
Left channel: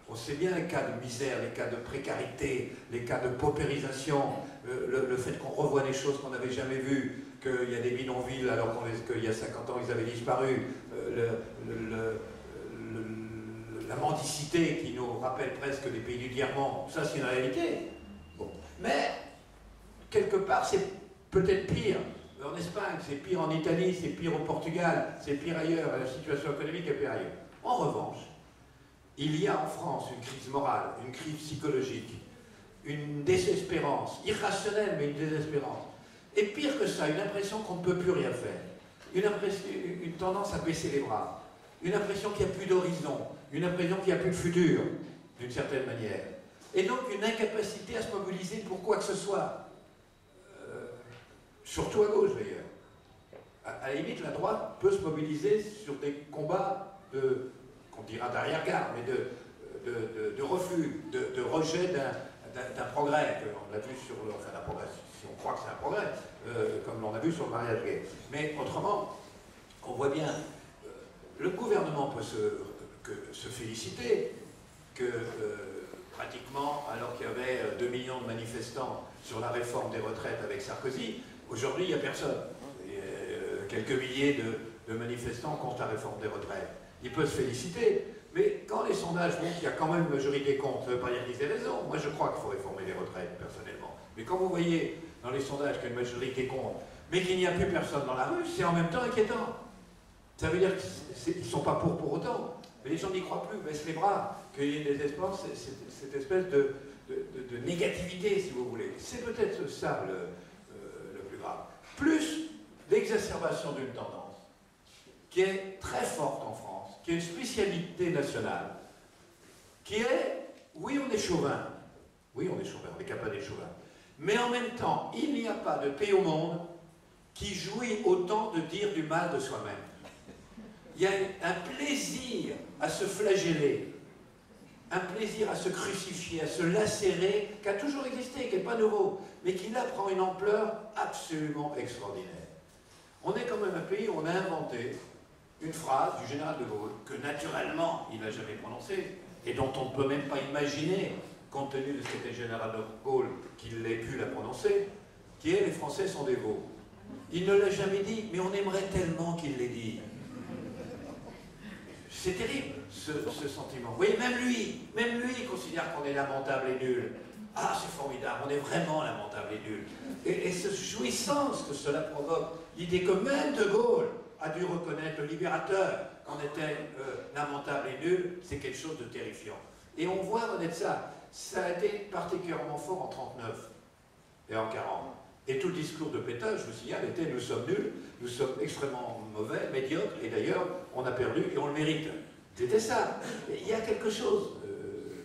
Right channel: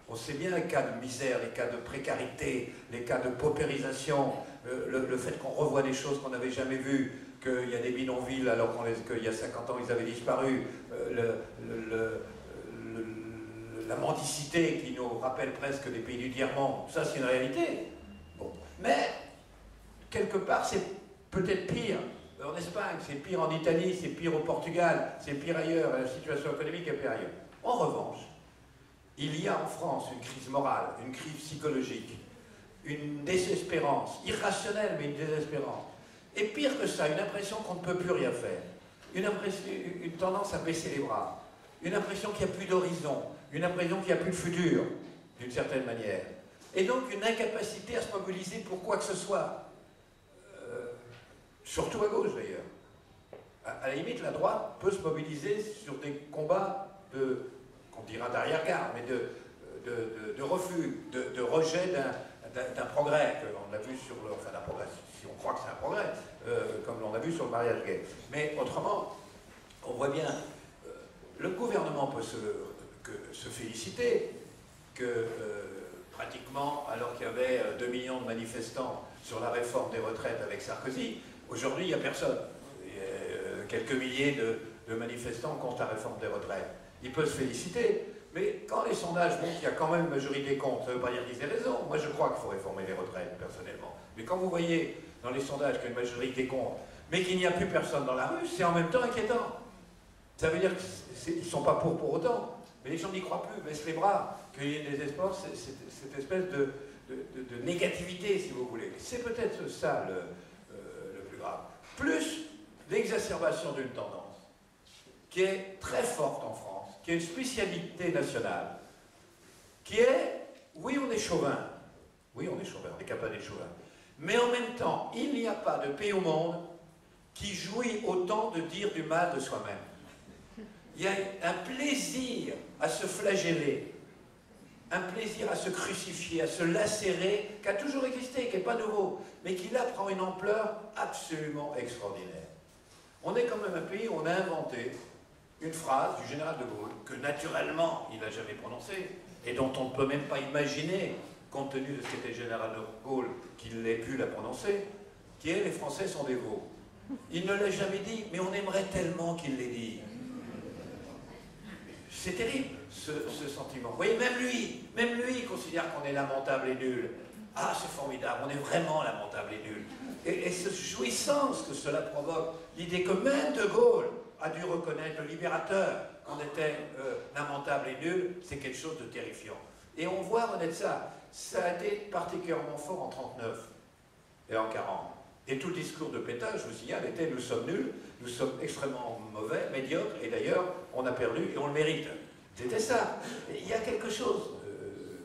On sait bien les cas de misère, les cas de précarité, les cas de paupérisation, le fait qu'on revoit des choses qu'on n'avait jamais vues, qu'il y a des bidonvilles alors qu'il y a 50 ans ils avaient disparu, la mendicité qui nous rappelle presque des pays du tiers-monde, ça c'est une réalité. Bon. Mais, quelque part, c'est peut-être pire. En Espagne, c'est pire en Italie, c'est pire au Portugal, c'est pire ailleurs, la situation économique est pire ailleurs. En revanche, il y a en France une crise morale, une crise psychologique, une désespérance, irrationnelle mais une désespérance. Et pire que ça, une impression qu'on ne peut plus rien faire, une tendance à baisser les bras, une impression qu'il n'y a plus d'horizon, une impression qu'il n'y a plus de futur, d'une certaine manière. Et donc une incapacité à se mobiliser pour quoi que ce soit. Surtout à gauche d'ailleurs. À la limite, la droite peut se mobiliser sur des combats qu'on dira d'arrière-garde, mais de refus, de rejet d'un progrès, on l'a vu sur le... Enfin, d'un progrès, si on croit que c'est un progrès, comme l'on a vu sur le mariage gay. Mais autrement, on voit bien, le gouvernement peut se féliciter que pratiquement, alors qu'il y avait 2 millions de manifestants sur la réforme des retraites avec Sarkozy, aujourd'hui, il n'y a personne. Il y a quelques milliers de manifestants contre la réforme des retraites. Il peut se féliciter, Mais quand les sondages montrent qu'il y a quand même une majorité contre, ça ne veut pas dire qu'ils aient raison. Moi, je crois qu'il faut réformer les retraites, personnellement. Mais quand vous voyez dans les sondages qu'il y a une majorité contre, mais qu'il n'y a plus personne dans la rue, c'est en même temps inquiétant. Ça veut dire qu'ils ne sont pas pour autant. Mais les gens n'y croient plus, baissent les bras, qu'il y ait des espoirs, cette espèce de négativité, si vous voulez. C'est peut-être ça le plus grave. Plus l'exacerbation d'une tendance qui est très forte en France, qui est une spécialité nationale, qui est, oui, on est chauvin. Oui, on est chauvin, on est capable d'être chauvin. Mais en même temps, il n'y a pas de pays au monde qui jouit autant de dire du mal de soi-même. Il y a un plaisir à se flageller, un plaisir à se crucifier, à se lacérer, qui a toujours existé, qui n'est pas nouveau, mais qui là prend une ampleur absolument extraordinaire. On est quand même un pays où on a inventé une phrase du général de Gaulle, que naturellement il n'a jamais prononcée, et dont on ne peut même pas imaginer, compte tenu de ce qu'était le général de Gaulle, qu'il ait pu la prononcer, qui est « les Français sont des veaux ». Il ne l'a jamais dit, mais on aimerait tellement qu'il l'ait dit. C'est terrible, ce sentiment. Vous voyez, même lui, il considère qu'on est lamentable et nul. Ah, c'est formidable, on est vraiment lamentable et nul. Et cette jouissance que cela provoque, l'idée que même de Gaulle a dû reconnaître, le libérateur, qu'on était lamentable et nul, c'est quelque chose de terrifiant. Et on voit renaître ça. Ça a été particulièrement fort en 1939 et en 1940. Et tout le discours de Pétain, je vous signale, était « nous sommes nuls, nous sommes extrêmement mauvais, médiocres, et d'ailleurs, on a perdu et on le mérite ». C'était ça. Il y a quelque chose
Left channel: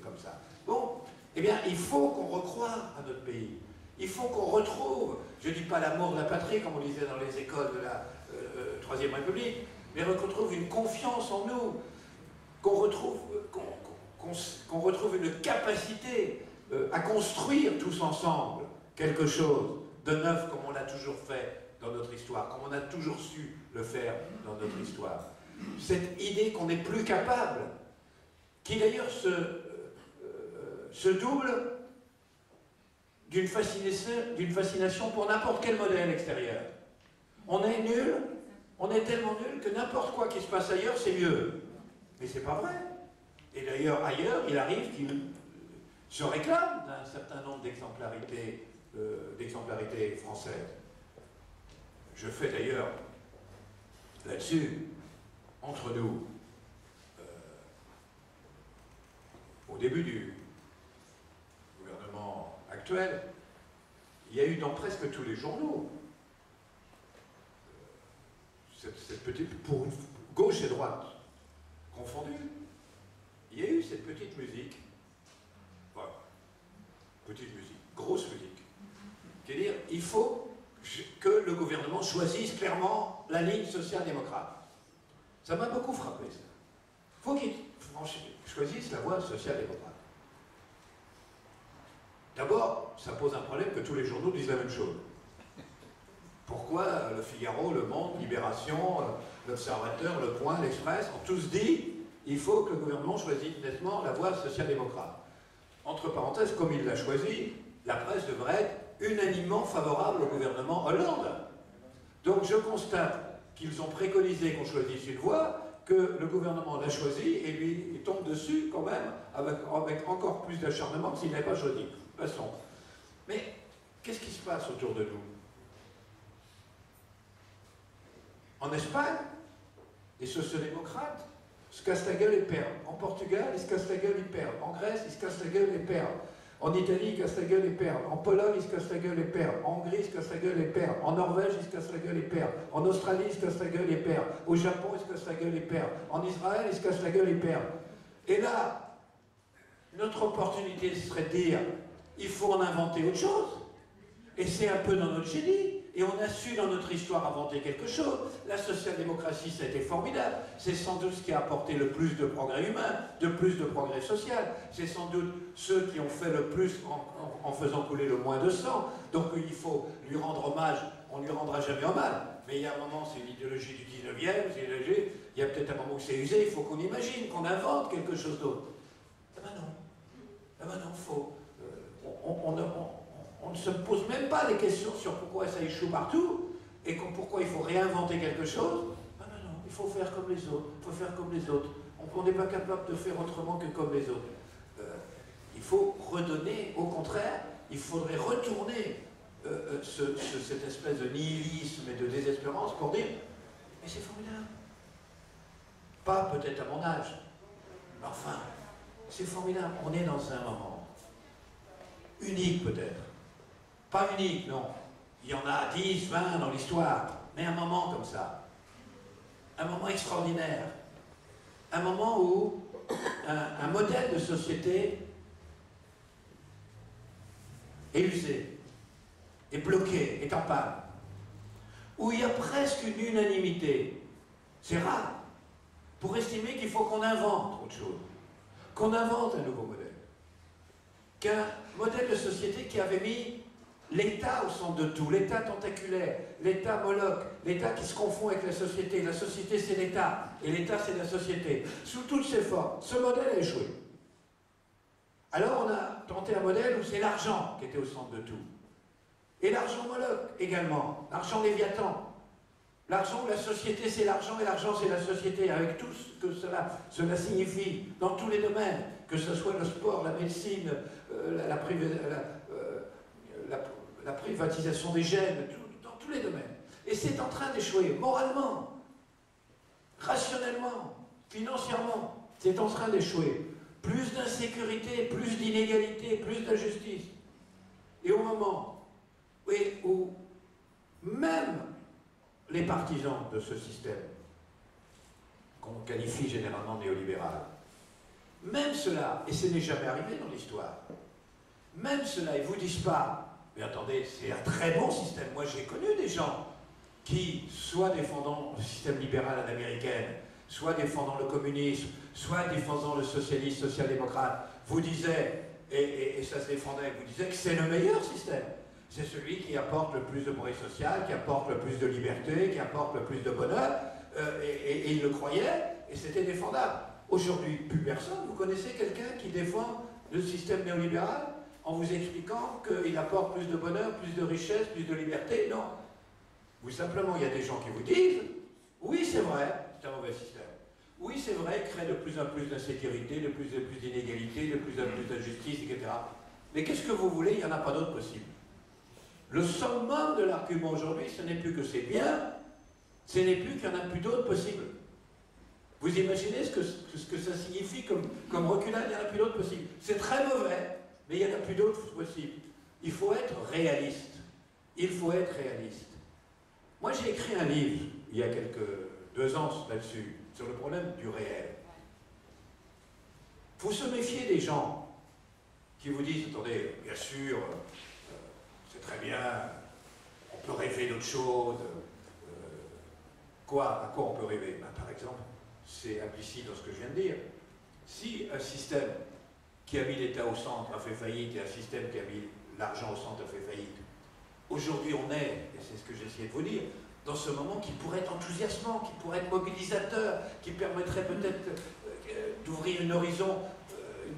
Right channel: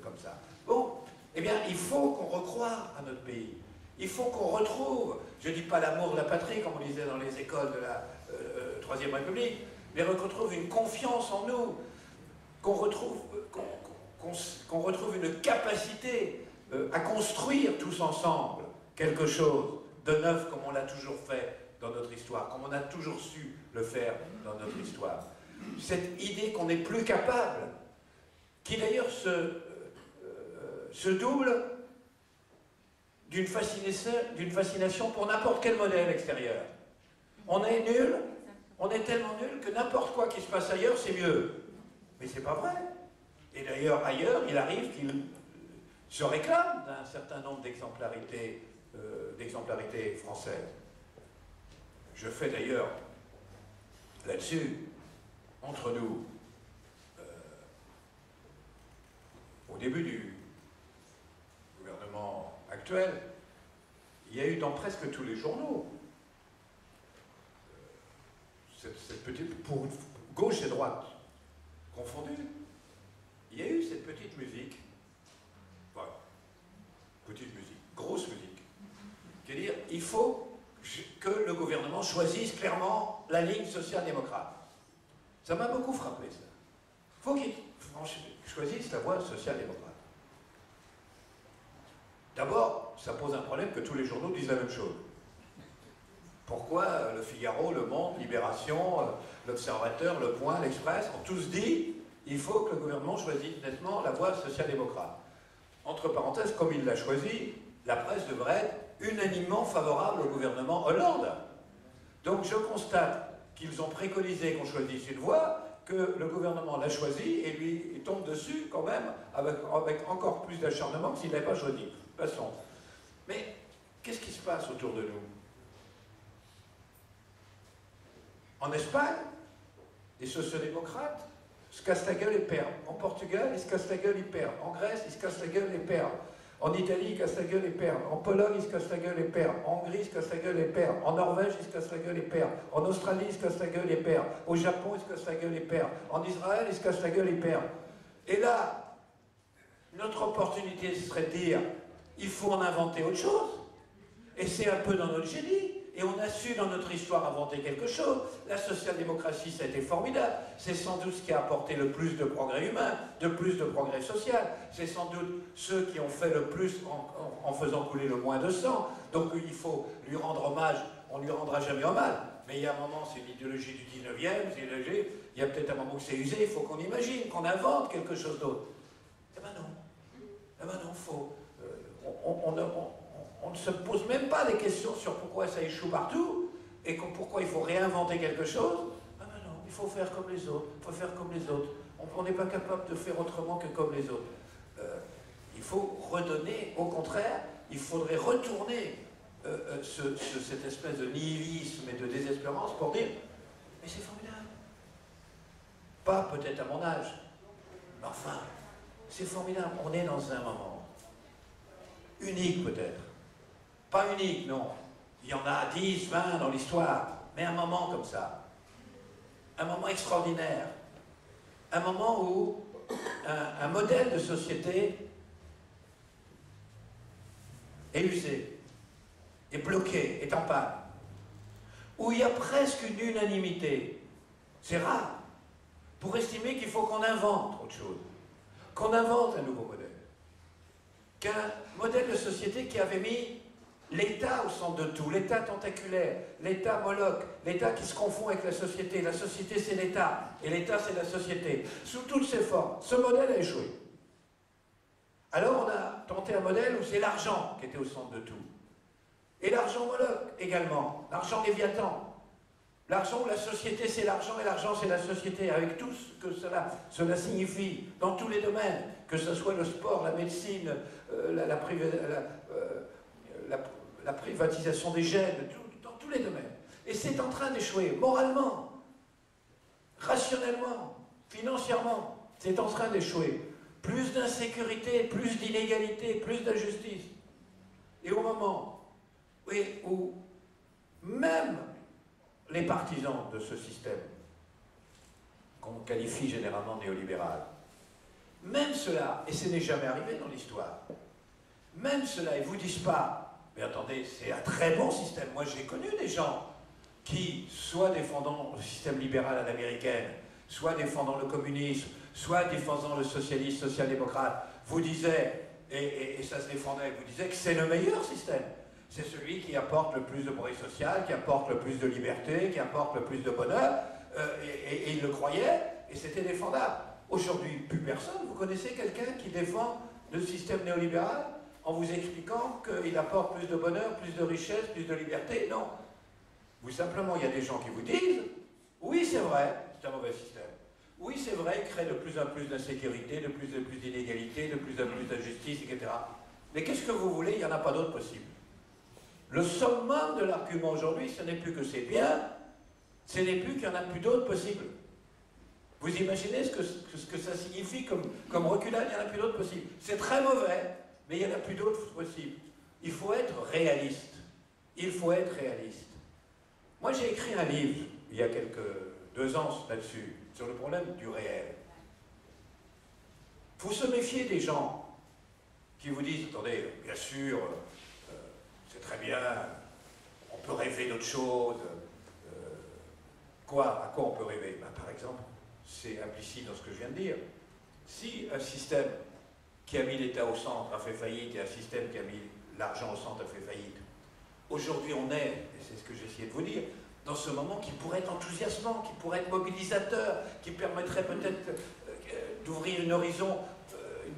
comme ça. Bon, eh bien, il faut qu'on recroie à notre pays. Il faut qu'on retrouve, je ne dis pas l'amour de la patrie, comme on disait dans les écoles de la Troisième République, mais qu'on retrouve une confiance en nous, qu'on retrouve une capacité à construire tous ensemble quelque chose de neuf comme on l'a toujours fait dans notre histoire, comme on a toujours su le faire dans notre histoire. Cette idée qu'on n'est plus capable, qui d'ailleurs se double d'une fascination pour n'importe quel modèle extérieur. On est nul, on est tellement nul que n'importe quoi qui se passe ailleurs, c'est mieux. Mais c'est pas vrai. Et d'ailleurs, ailleurs, il arrive qu'il se réclame d'un certain nombre d'exemplarité française. Je fais d'ailleurs, là-dessus, entre nous, au début du gouvernement actuel, il y a eu dans presque tous les journaux, cette petite, pour gauche et droite confondues, il y a eu cette petite musique, voilà, petite musique, grosse musique, qui est dire, il faut que le gouvernement choisisse clairement la ligne social-démocrate. Ça m'a beaucoup frappé, ça. Il faut qu'il choisisse la voie social-démocrate. D'abord, ça pose un problème que tous les journaux disent la même chose. Pourquoi Le Figaro, Le Monde, Libération, L'Observateur, Le Point, L'Express ont tous dit il faut que le gouvernement choisisse nettement la voie social-démocrate. Entre parenthèses, comme il l'a choisi, la presse devrait être unanimement favorable au gouvernement Hollande. Donc je constate qu'ils ont préconisé qu'on choisisse une voie, que le gouvernement l'a choisi et lui il tombe dessus quand même avec encore plus d'acharnement que s'il n'avait pas choisi. Passons. Mais qu'est-ce qui se passe autour de nous? En Espagne, les sociodémocrates se cassent la gueule et perdent. En Portugal, ils se cassent la gueule et perdent. En Grèce, ils se cassent la gueule et perdent. En Italie, ils se cassent la gueule et perdent. En Pologne, ils se cassent la gueule et perdent. En Hongrie, ils se cassent la gueule et perdent. En Norvège, ils se cassent la gueule et perdent. En Australie, ils se cassent la gueule et perdent. Au Japon, ils se cassent la gueule et perdent. En Israël, ils se cassent la gueule et perdent. Et là, notre opportunité serait de dire, il faut en inventer autre chose. Et c'est un peu dans notre génie. Et on a su dans notre histoire inventer quelque chose. La social-démocratie, ça a été formidable. C'est sans doute ce qui a apporté le plus de progrès humain, de plus de progrès social. C'est sans doute ceux qui ont fait le plus en faisant couler le moins de sang. Donc il faut lui rendre hommage. On ne lui rendra jamais hommage. Mais il y a un moment, c'est une idéologie du 19e, c'est une idéologie, il y a peut-être un moment où c'est usé, il faut qu'on imagine, qu'on invente quelque chose d'autre. Eh ben non. Eh ben non, faut... On ne se pose même pas des questions sur pourquoi ça échoue partout et pourquoi il faut réinventer quelque chose. Ah ben non, il faut faire comme les autres, il faut faire comme les autres. On qu'on n'est pas capable de faire autrement que comme les autres. Il faut redonner, au contraire, il faudrait retourner cette espèce de nihilisme et de désespérance pour dire « mais c'est formidable ». Pas peut-être à mon âge, mais enfin, c'est formidable. On est dans un moment unique peut-être. Pas unique, non. Il y en a 10, 20 dans l'histoire, mais un moment comme ça. Un moment extraordinaire. Un moment où un modèle de société est usé, est bloqué, est en panne. Où il y a presque une unanimité. C'est rare. Pour estimer qu'il faut qu'on invente autre chose. Qu'on invente un nouveau modèle. Qu'un modèle de société qui avait mis l'État au centre de tout, l'État tentaculaire, l'État Moloch, l'État qui se confond avec la société c'est l'État, et l'État c'est la société, sous toutes ses formes. Ce modèle a échoué. Alors on a tenté un modèle où c'est l'argent qui était au centre de tout. Et l'argent Moloch également, l'argent Léviathan. L'argent, la société c'est l'argent et l'argent c'est la société, avec tout ce que cela signifie dans tous les domaines, que ce soit le sport, la médecine, la privatisation des gènes, dans tous les domaines. Et c'est en train d'échouer, moralement, rationnellement, financièrement, c'est en train d'échouer. Plus d'insécurité, plus d'inégalité, plus d'injustice. Et au moment où même les partisans de ce système, qu'on qualifie généralement néolibéral, même cela, et ce n'est jamais arrivé dans l'histoire, même cela, ils ne vous disent pas, mais attendez, c'est un très bon système. Moi, j'ai connu des gens qui, soit défendant le système libéral à l'américaine, soit défendant le communisme, soit défendant le socialisme, social-démocrate, vous disaient, et ça se défendait, vous disaient que c'est le meilleur système. C'est celui qui apporte le plus de bruit social, qui apporte le plus de liberté, qui apporte le plus de bonheur, et ils le croyaient, et c'était défendable. Aujourd'hui, plus personne. Vous connaissez quelqu'un qui défend le système néolibéral en vous expliquant qu'il apporte plus de bonheur, plus de richesse, plus de liberté? Non. Vous simplement, il y a des gens qui vous disent, oui, c'est vrai, c'est un mauvais système. Oui, c'est vrai, il crée de plus en plus d'insécurité, de plus en plus d'inégalité, de plus en plus d'injustice, etc. Mais qu'est-ce que vous voulez? Il n'y en a pas d'autre possible. Le summum de l'argument aujourd'hui, ce n'est plus que c'est bien, ce n'est plus qu'il n'y en a plus d'autres possibles. Vous imaginez ce que ça signifie comme reculade? Il n'y en a plus d'autres possibles. C'est très mauvais, mais il n'y en a plus d'autres possibles. Il faut être réaliste. Il faut être réaliste. Moi, j'ai écrit un livre, il y a 2 ans là-dessus, sur le problème du réel. Il faut se méfier des gens qui vous disent, attendez, bien sûr, c'est très bien, on peut rêver d'autre chose. À quoi on peut rêver? Par exemple, c'est implicite dans ce que je viens de dire. Si un système qui a mis l'État au centre a fait faillite et un système qui a mis l'argent au centre a fait faillite, aujourd'hui on est, et c'est ce que j'essayais de vous dire, dans ce moment qui pourrait être enthousiasmant, qui pourrait être mobilisateur, qui permettrait peut-être d'ouvrir une horizon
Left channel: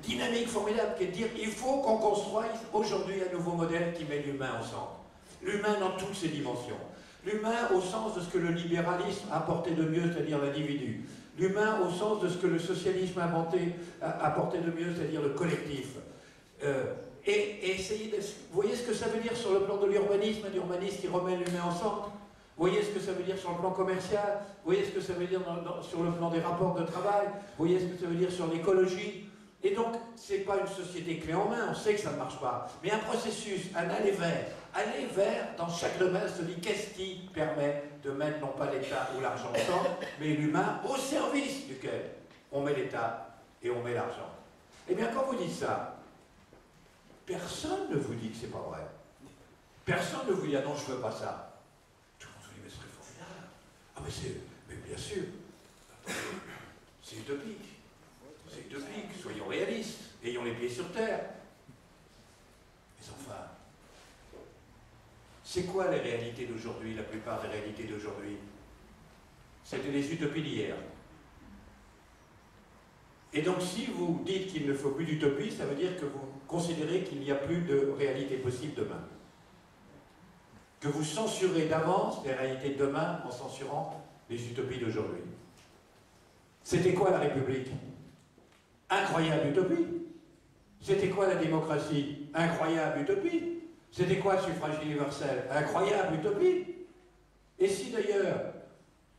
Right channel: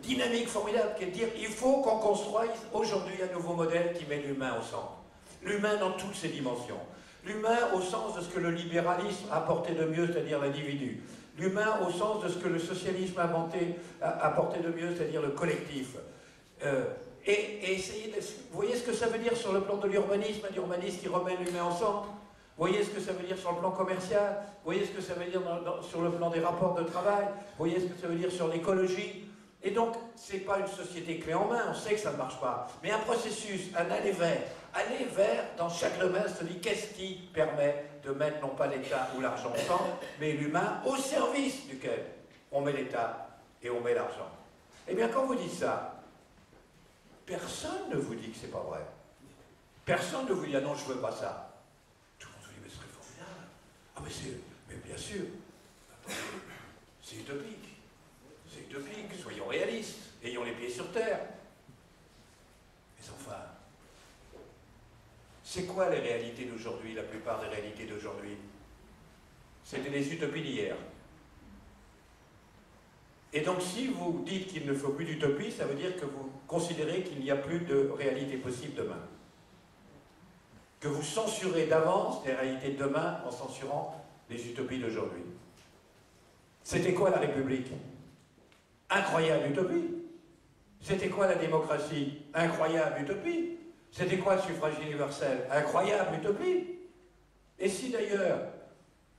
dynamique formidable, qui est de dire il faut qu'on construise aujourd'hui un nouveau modèle qui met l'humain au centre. L'humain dans toutes ses dimensions. L'humain au sens de ce que le libéralisme a apporté de mieux, c'est-à-dire l'individu. L'humain au sens de ce que le socialisme a apporté de mieux, c'est-à-dire le collectif. Et essayer de... Vous voyez ce que ça veut dire sur le plan de l'urbanisme, un urbanisme qui remet l'humain au centre? Vous voyez ce que ça veut dire sur le plan commercial? Vous voyez ce que ça veut dire sur le plan des rapports de travail? Vous voyez ce que ça veut dire sur l'écologie? Et donc, ce n'est pas une société clé en main, on sait que ça ne marche pas. Mais un processus, un aller vers, dans chaque domaine, se dit qu'est-ce qui permet de mettre non pas l'État ou l'argent au centre, mais l'humain au service duquel on met l'État et on met l'argent. Eh bien, quand vous dites ça, personne ne vous dit que c'est pas vrai. Personne ne vous dit, ah non, je ne veux pas ça. Tout le monde vous dit, mais ce serait formidable. Ah, mais bien sûr. C'est utopique. C'est utopique, soyons réalistes, ayons les pieds sur terre. Mais enfin, c'est quoi les réalités d'aujourd'hui, la plupart des réalités d'aujourd'hui? C'était des utopies d'hier. Et donc si vous dites qu'il ne faut plus d'utopie, ça veut dire que vous considérez qu'il n'y a plus de réalité possible demain. Que vous censurez d'avance les réalités de demain en censurant les utopies d'aujourd'hui. C'était quoi la République? Incroyable utopie. C'était quoi la démocratie? Incroyable utopie. C'était quoi le suffrage universel? Incroyable utopie. Et si d'ailleurs,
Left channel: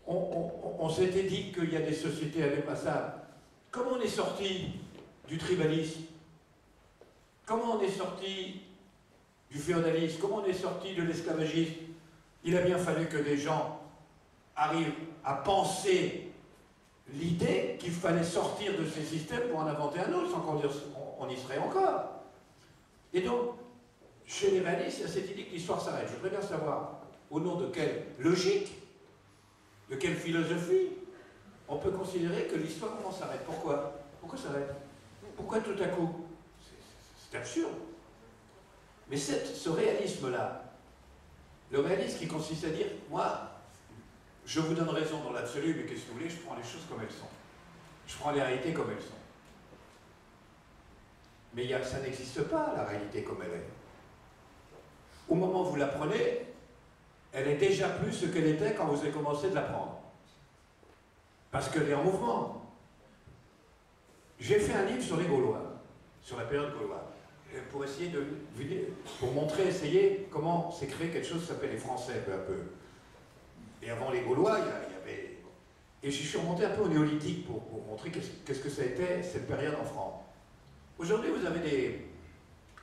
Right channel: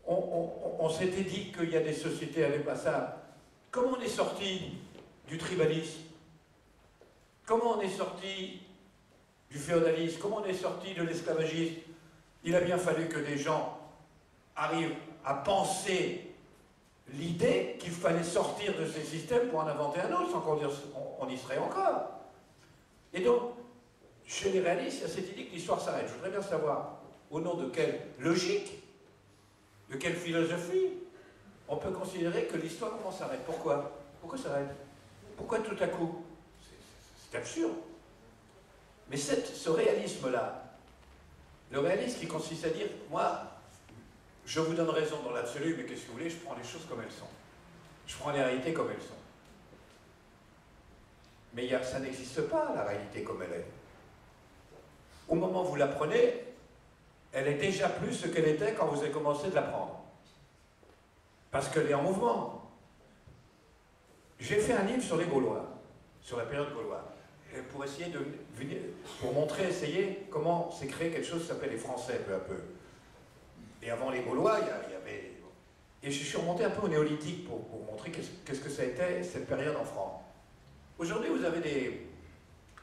on s'était dit qu'il y a des sociétés indépassables, comment on est sorti du tribalisme? Comment on est sorti du féodalisme? Comment on est sorti de l'esclavagisme? Il a bien fallu que des gens arrivent à penser l'idée qu'il fallait sortir de ces systèmes pour en inventer un autre, sans qu'on y serait encore. Et donc, chez les réalistes, il y a cette idée que l'histoire s'arrête. Je voudrais bien savoir, au nom de quelle logique, de quelle philosophie, on peut considérer que l'histoire s'arrête. Pourquoi? Pourquoi s'arrête? Pourquoi tout à coup? C'est absurde. Mais ce réalisme-là, le réalisme qui consiste à dire, moi, je vous donne raison dans l'absolu, mais qu'est-ce que vous voulez, je prends les choses comme elles sont. Je prends les réalités comme elles sont. Mais ça n'existe pas, la réalité comme elle est. Au moment où vous l'apprenez, elle est déjà plus ce qu'elle était quand vous avez commencé de l'apprendre. Parce qu'elle est en mouvement. J'ai fait un livre sur les Gaulois, sur la période gauloise, pour essayer pour montrer, essayer comment s'est créé quelque chose qui s'appelle les Français, peu à peu. Et avant les Gaulois, il y avait... Et je suis remonté un peu au néolithique pour montrer qu'est-ce que ça a été cette période en France. Aujourd'hui, vous avez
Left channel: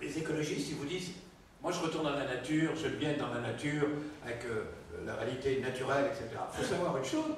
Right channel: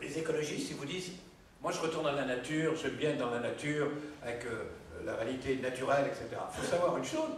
les écologistes qui vous disent « Moi, je retourne dans la nature, j'aime bien être dans la nature, avec la réalité naturelle, etc. » Il faut savoir une chose,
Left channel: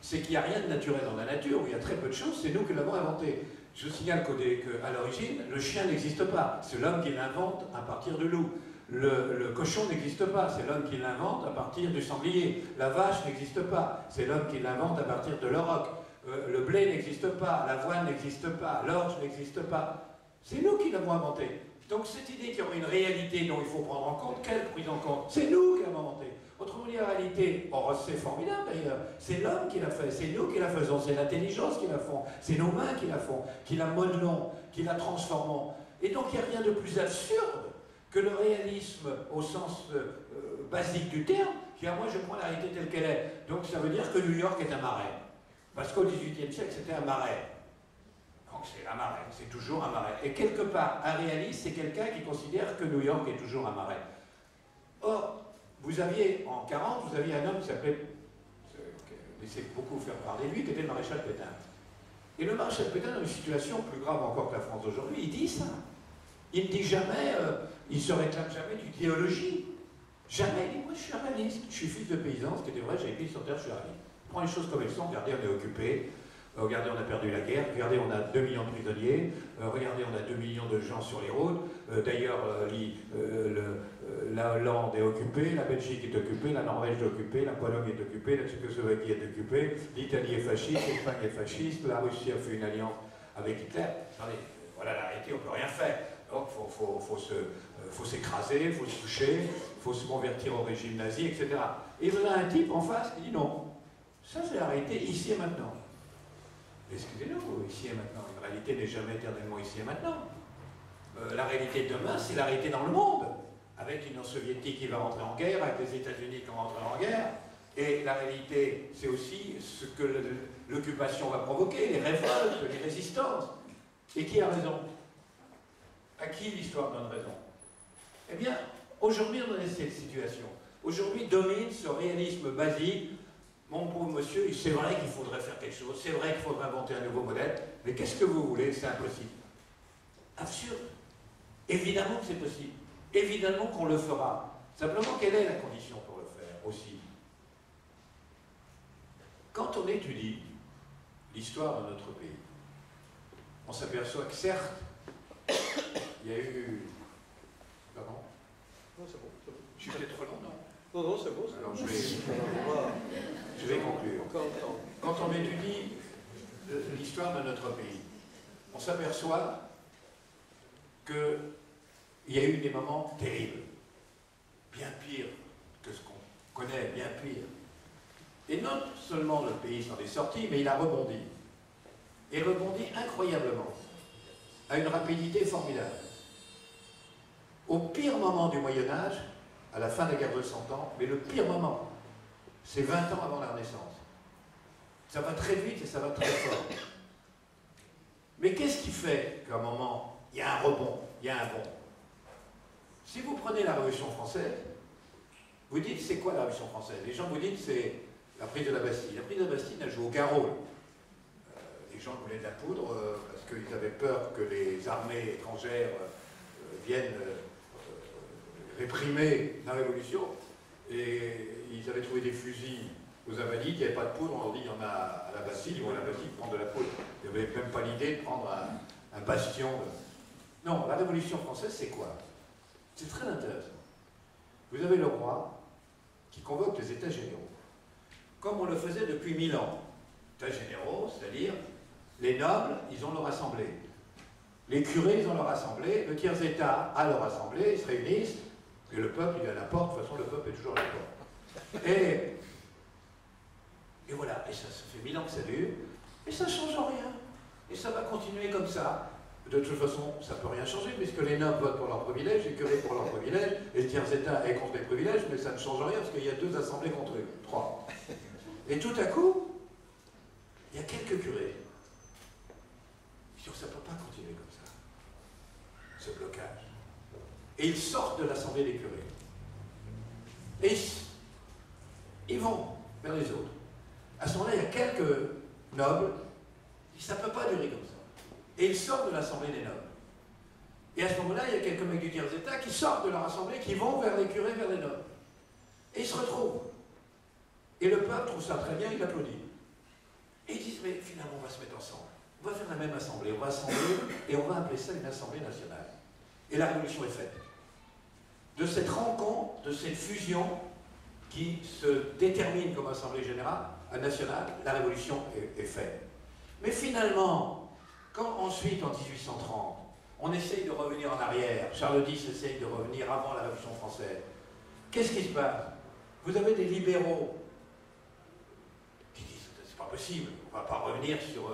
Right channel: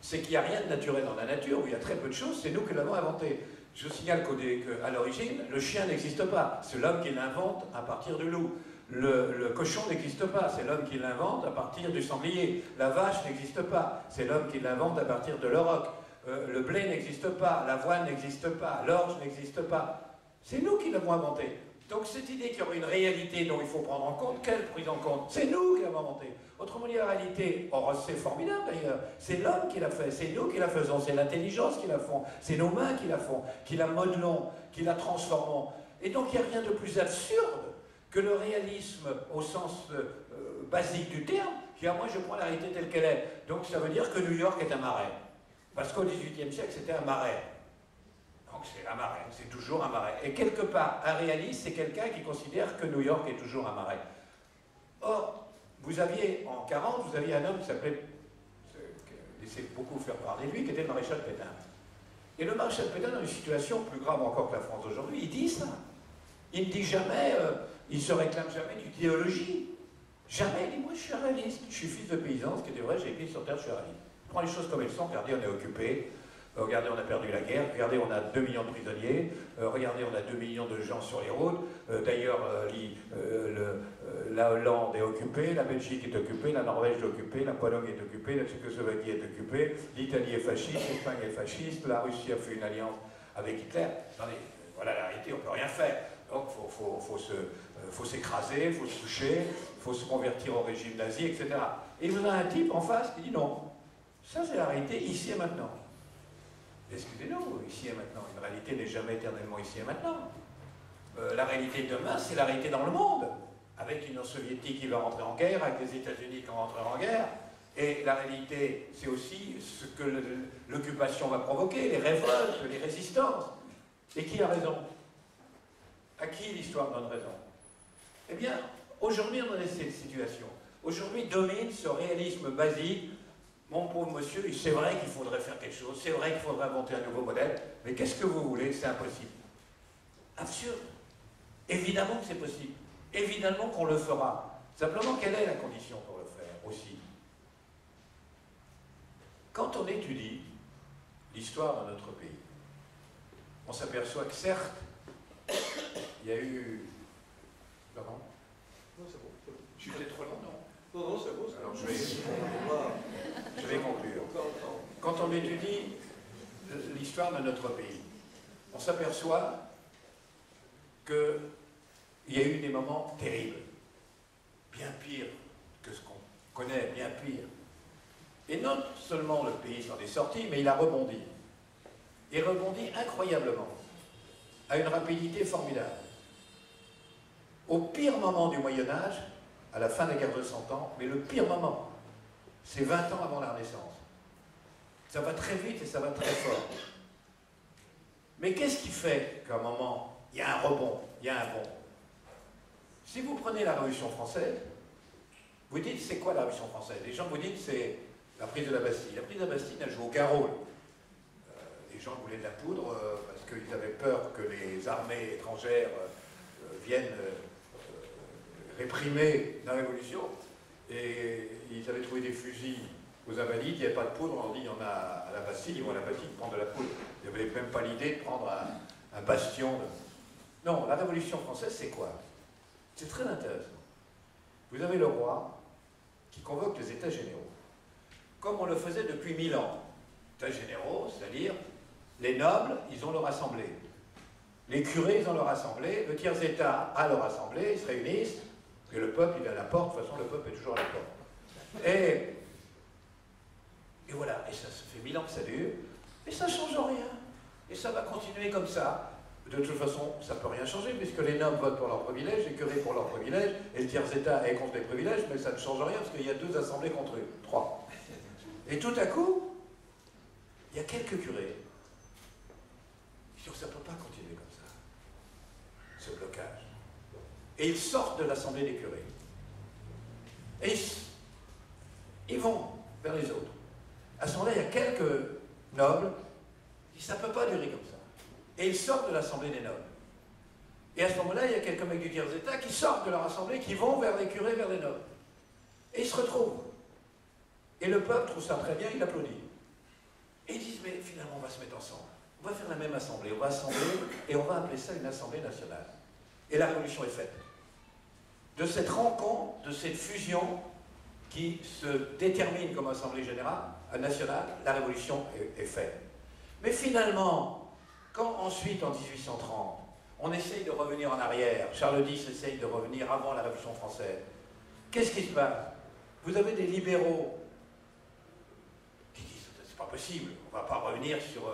c'est qu'il n'y a rien de naturel dans la nature, où il y a très peu de choses, c'est nous qui l'avons inventé. Je signale qu'à l'origine, le chien n'existe pas, c'est l'homme qui l'invente à partir du loup. Le cochon n'existe pas, c'est l'homme qui l'invente à partir du sanglier. La vache n'existe pas, c'est l'homme qui l'invente à partir de l'auroch. Le blé n'existe pas, l'avoine n'existe pas, l'orge n'existe pas. C'est nous qui l'avons inventé. Donc cette idée qu'il y aurait une réalité dont il faut prendre en compte, quelle prise en compte? C'est nous qui l'avons inventé. Autrement dit, la réalité, or c'est formidable d'ailleurs, c'est l'homme qui l'a fait, c'est nous qui la faisons, c'est l'intelligence qui la font, c'est nos mains qui la font, qui la modelons, qui la transformons. Et donc il n'y a rien de plus absurde que le réalisme au sens basique du terme, qui à moi je prends la réalité telle qu'elle est. Donc ça veut dire que New York est un marais. Parce qu'au XVIIIe siècle c'était un marais. Donc c'est un marais, c'est toujours un marais. Et quelque part, un réaliste, c'est quelqu'un qui considère que New York est toujours un marais. Or, vous aviez, en 40, vous aviez un homme qui s'appelait, laissez beaucoup faire parler de lui, qui était le maréchal Pétain. Et le maréchal Pétain, dans une situation plus grave encore que la France d'aujourd'hui, il dit ça. Il ne dit jamais, il ne se réclame jamais d'idéologie. Jamais. Il dit, moi je suis un réaliste, je suis fils de paysan, ce qui est vrai, j'ai écrit sur terre, je suis réaliste. Je prends les choses comme elles sont, regardez, on est occupé. Regardez, on a perdu la guerre, regardez, on a 2 millions de prisonniers, regardez, on a 2 millions de gens sur les routes, d'ailleurs, la Hollande est occupée, la Belgique est occupée, la Norvège est occupée, la Pologne est occupée, la Tchécoslovaquie est occupée, l'Italie est fasciste, l'Espagne est fasciste, la Russie a fait une alliance avec Hitler. Attendez, voilà la réalité, on ne peut rien faire. Donc, il faut s'écraser, il faut se toucher, il faut se convertir au régime nazi, etc. Et vous avez un type en face qui dit non, ça c'est la réalité ici et maintenant. Excusez-nous, ici et maintenant. Une réalité n'est jamais éternellement ici et maintenant. La réalité de demain, c'est la réalité dans le monde. Avec l'Union soviétique qui va rentrer en guerre, avec les États-Unis qui vont rentrer en guerre. Et la réalité, c'est aussi ce que l'occupation va provoquer, les révoltes, les résistances. Et qui a raison? À qui l'histoire donne raison? Eh bien, aujourd'hui, on est dans cette situation. Aujourd'hui domine ce réalisme basique. Mon pauvre monsieur, c'est vrai qu'il faudrait faire quelque chose, c'est vrai qu'il faudrait inventer un nouveau modèle, mais qu'est-ce que vous voulez? C'est impossible. Absurde. Évidemment que c'est possible. Évidemment qu'on le fera. Simplement, quelle est la condition pour le faire aussi? Quand on étudie l'histoire de notre pays, on s'aperçoit que certes, il y a eu... Pardon? Non, c'est bon. Je suis peut-être trop long, non? Non, non, c'est bon. Alors je vais conclure. Quand on étudie l'histoire de notre pays, on s'aperçoit qu'il y a eu des moments terribles, bien pires que ce qu'on connaît, bien pires. Et non seulement le pays s'en est sorti, mais il a rebondi. Et rebondi incroyablement, à une rapidité formidable. Au pire moment du Moyen-Âge, à la fin de la guerre de 100 ans, mais le pire moment, c'est 20 ans avant la Renaissance. Ça va très vite et ça va très fort. Mais qu'est-ce qui fait qu'à un moment, il y a un rebond, il y a un bond? Si vous prenez la Révolution française, vous dites c'est quoi la Révolution française? Les gens vous disent c'est la prise de la Bastille. La prise de la Bastille n'a joué aucun rôle. Les gens voulaient de la poudre parce qu'ils avaient peur que les armées étrangères viennent réprimer la Révolution. Et ils avaient trouvé des fusils aux Invalides, il n'y avait pas de poudre, on leur dit il y en a à la Bastille, ils vont à la Bastille prendre de la poudre. Ils n'avaient même pas l'idée de prendre un bastion. Non, la Révolution française, c'est quoi? C'est très intéressant. Vous avez le roi qui convoque les États généraux, comme on le faisait depuis 1000 ans. États généraux, c'est-à-dire les nobles, ils ont leur assemblée. Les curés, ils ont leur assemblée. Le tiers-État a leur assemblée, ils se réunissent. Et le peuple, il est à la porte. De toute façon, le peuple est toujours à la porte. Et voilà. Et ça fait 1000 ans que ça dure. Et ça ne change rien. Et ça va continuer comme ça. De toute façon, ça ne peut rien changer, puisque les nobles votent pour leurs privilèges, les curés pour leurs privilèges, et le tiers-État est contre les privilèges, mais ça ne change rien, parce qu'il y a 2 assemblées contre eux. 3. Et tout à coup, il y a quelques curés qui disent ça ne peut pas continuer comme ça, ce blocage. Et ils sortent de l'assemblée des curés. Et ils vont vers les autres. À ce moment-là, il y a quelques nobles qui disent ça ne peut pas durer comme ça. Et ils sortent de l'assemblée des nobles. Et à ce moment-là, il y a quelques mecs du tiers-État qui sortent de leur assemblée, qui vont vers les curés, vers les nobles. Et ils se retrouvent. Et le peuple trouve ça très bien, il applaudit. Et ils disent, mais finalement, on va se mettre ensemble. On va faire la même assemblée, on va assembler, et on va appeler ça une assemblée nationale. Et la révolution est faite. De cette rencontre, de cette fusion qui se détermine comme assemblée générale, nationale, la révolution est faite. Mais finalement, quand ensuite, en 1830, on essaye de revenir en arrière, Charles X essaye de revenir avant la Révolution française, qu'est-ce qui se passe? Vous avez des libéraux qui disent c'est pas possible, on ne va pas revenir sur...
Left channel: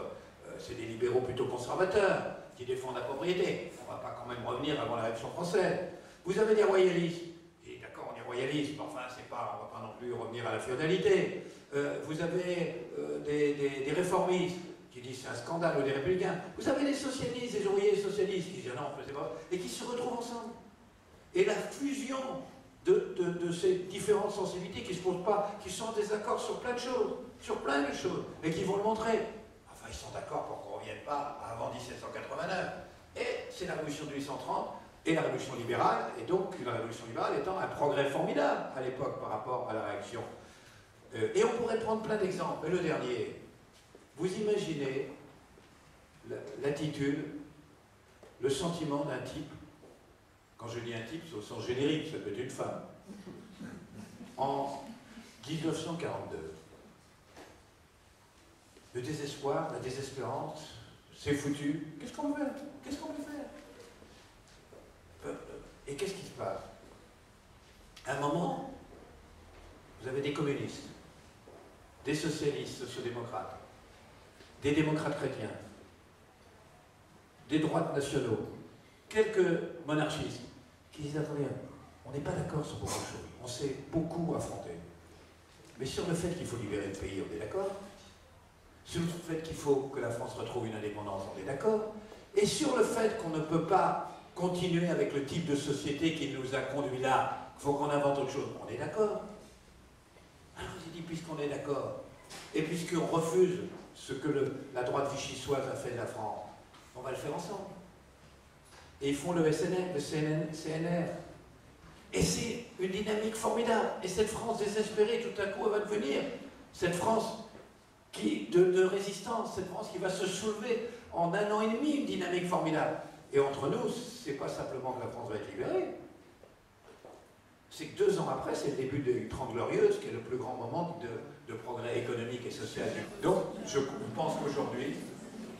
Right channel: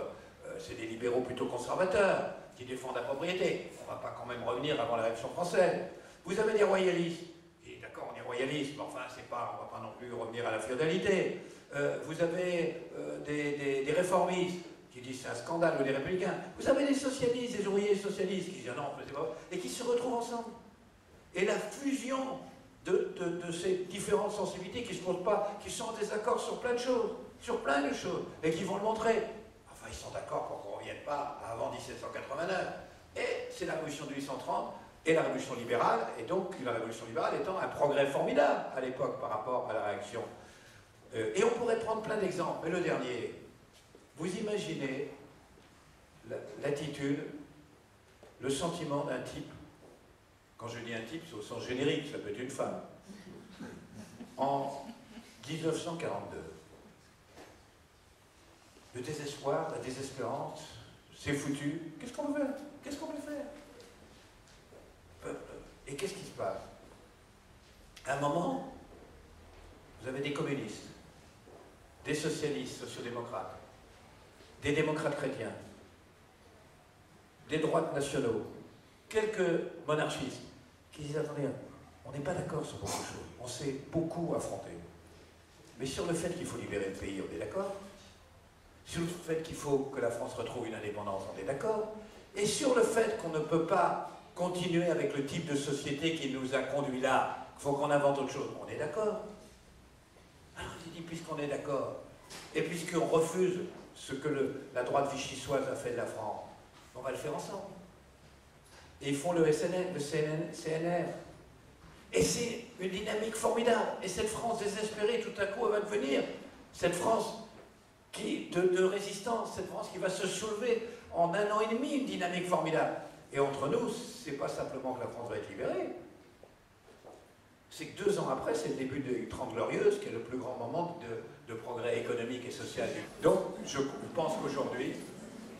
c'est des libéraux plutôt conservateurs qui défendent la propriété, on ne va pas quand même revenir avant la Révolution française. Vous avez des royalistes, et d'accord, on est royaliste, mais enfin, on ne va pas non plus revenir à la féodalité. Vous avez des réformistes qui disent c'est un scandale, ou des républicains. Vous avez des socialistes, des ouvriers socialistes qui disent non, on ne faisait pas, et qui se retrouvent ensemble. Et la fusion de ces différentes sensibilités qui ne se posent pas, qui sont en désaccord sur plein de choses, et qui vont le montrer. Enfin, ils sont d'accord pour qu'on ne revienne pas avant 1789. Et c'est la révolution de 1830 et la révolution libérale, et donc la révolution libérale étant un progrès formidable à l'époque par rapport à la réaction. Et on pourrait prendre plein d'exemples, mais le dernier, vous imaginez l'attitude, le sentiment d'un type, quand je dis un type, c'est au sens générique, ça peut être une femme, en 1942. Le désespoir, la désespérance, c'est foutu. Qu'est-ce qu'on veut faire? Qu'est-ce qu'on veut faire? Et qu'est-ce qui se passe? À un moment, vous avez des communistes, des socialistes, sociodémocrates, des démocrates chrétiens, des droites nationaux, quelques monarchistes qui disent attendez, on n'est pas d'accord sur beaucoup de choses, on s'est beaucoup affronté. Mais sur le fait qu'il faut libérer le pays, on est d'accord. Sur le fait qu'il faut que la France retrouve une indépendance, on est d'accord. Et sur le fait qu'on ne peut pas continuer avec le type de société qui nous a conduit là, qu'il faut qu'on invente autre chose, on est d'accord. Alors il dit, puisqu'on est d'accord, et puisqu'on refuse ce que la droite vichysoise a fait de la France, on va le faire ensemble. Et ils font le SNR, le CNR. Et c'est une dynamique formidable. Et cette France désespérée, tout à coup, elle va devenir cette France de résistance, cette France qui va se soulever en 1 an et demi, une dynamique formidable. Et entre nous, c'est pas simplement que la France va être libérée, c'est que 2 ans après, c'est le début des 30 Glorieuses, qui est le plus grand moment de progrès économique et social. Donc, je pense qu'aujourd'hui,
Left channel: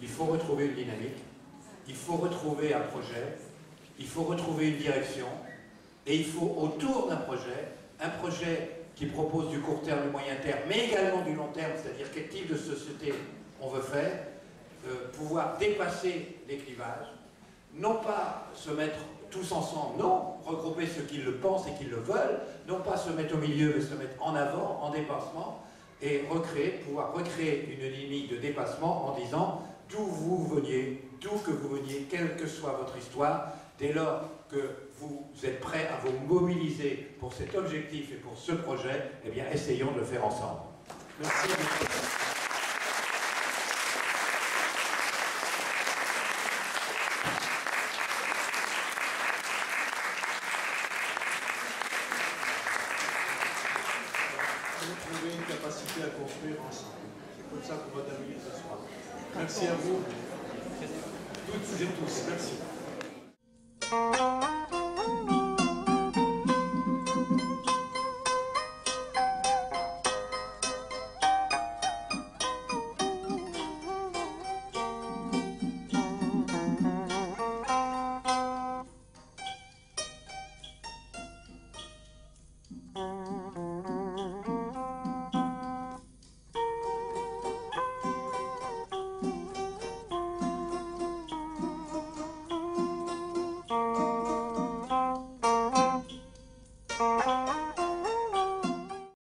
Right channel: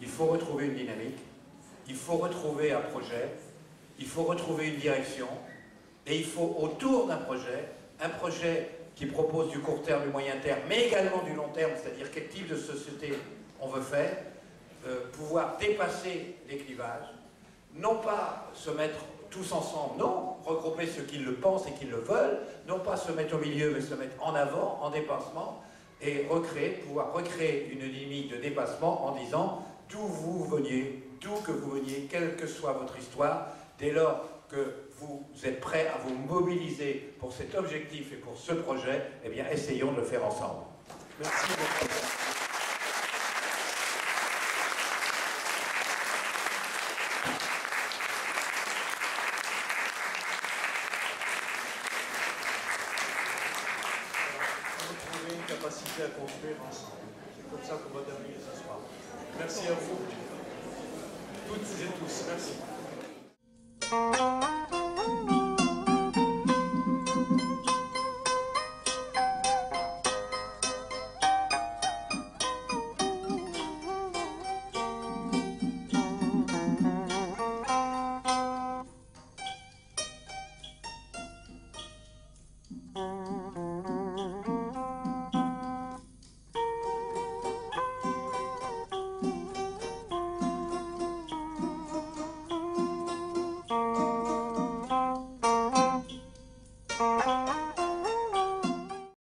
il faut retrouver une dynamique, il faut retrouver un projet, il faut retrouver une direction, et il faut, autour d'un projet qui propose du court terme, du moyen terme, mais également du long terme, c'est-à-dire quel type de société on veut faire, pouvoir dépasser les clivages, non pas se mettre tous ensemble, non, regrouper ceux qui le pensent et qui le veulent, non pas se mettre au milieu, mais se mettre en avant, en dépassement, et pouvoir recréer une dynamique de dépassement en disant d'où vous veniez, d'où que vous veniez, quelle que soit votre histoire, dès lors que vous êtes prêts à vous mobiliser pour cet objectif et pour ce projet, eh bien essayons de le faire ensemble. Merci beaucoup. Trouver une capacité à construire ensemble. C'est comme ça qu'on va terminer ce soir. Merci à vous, toutes et tous. Merci.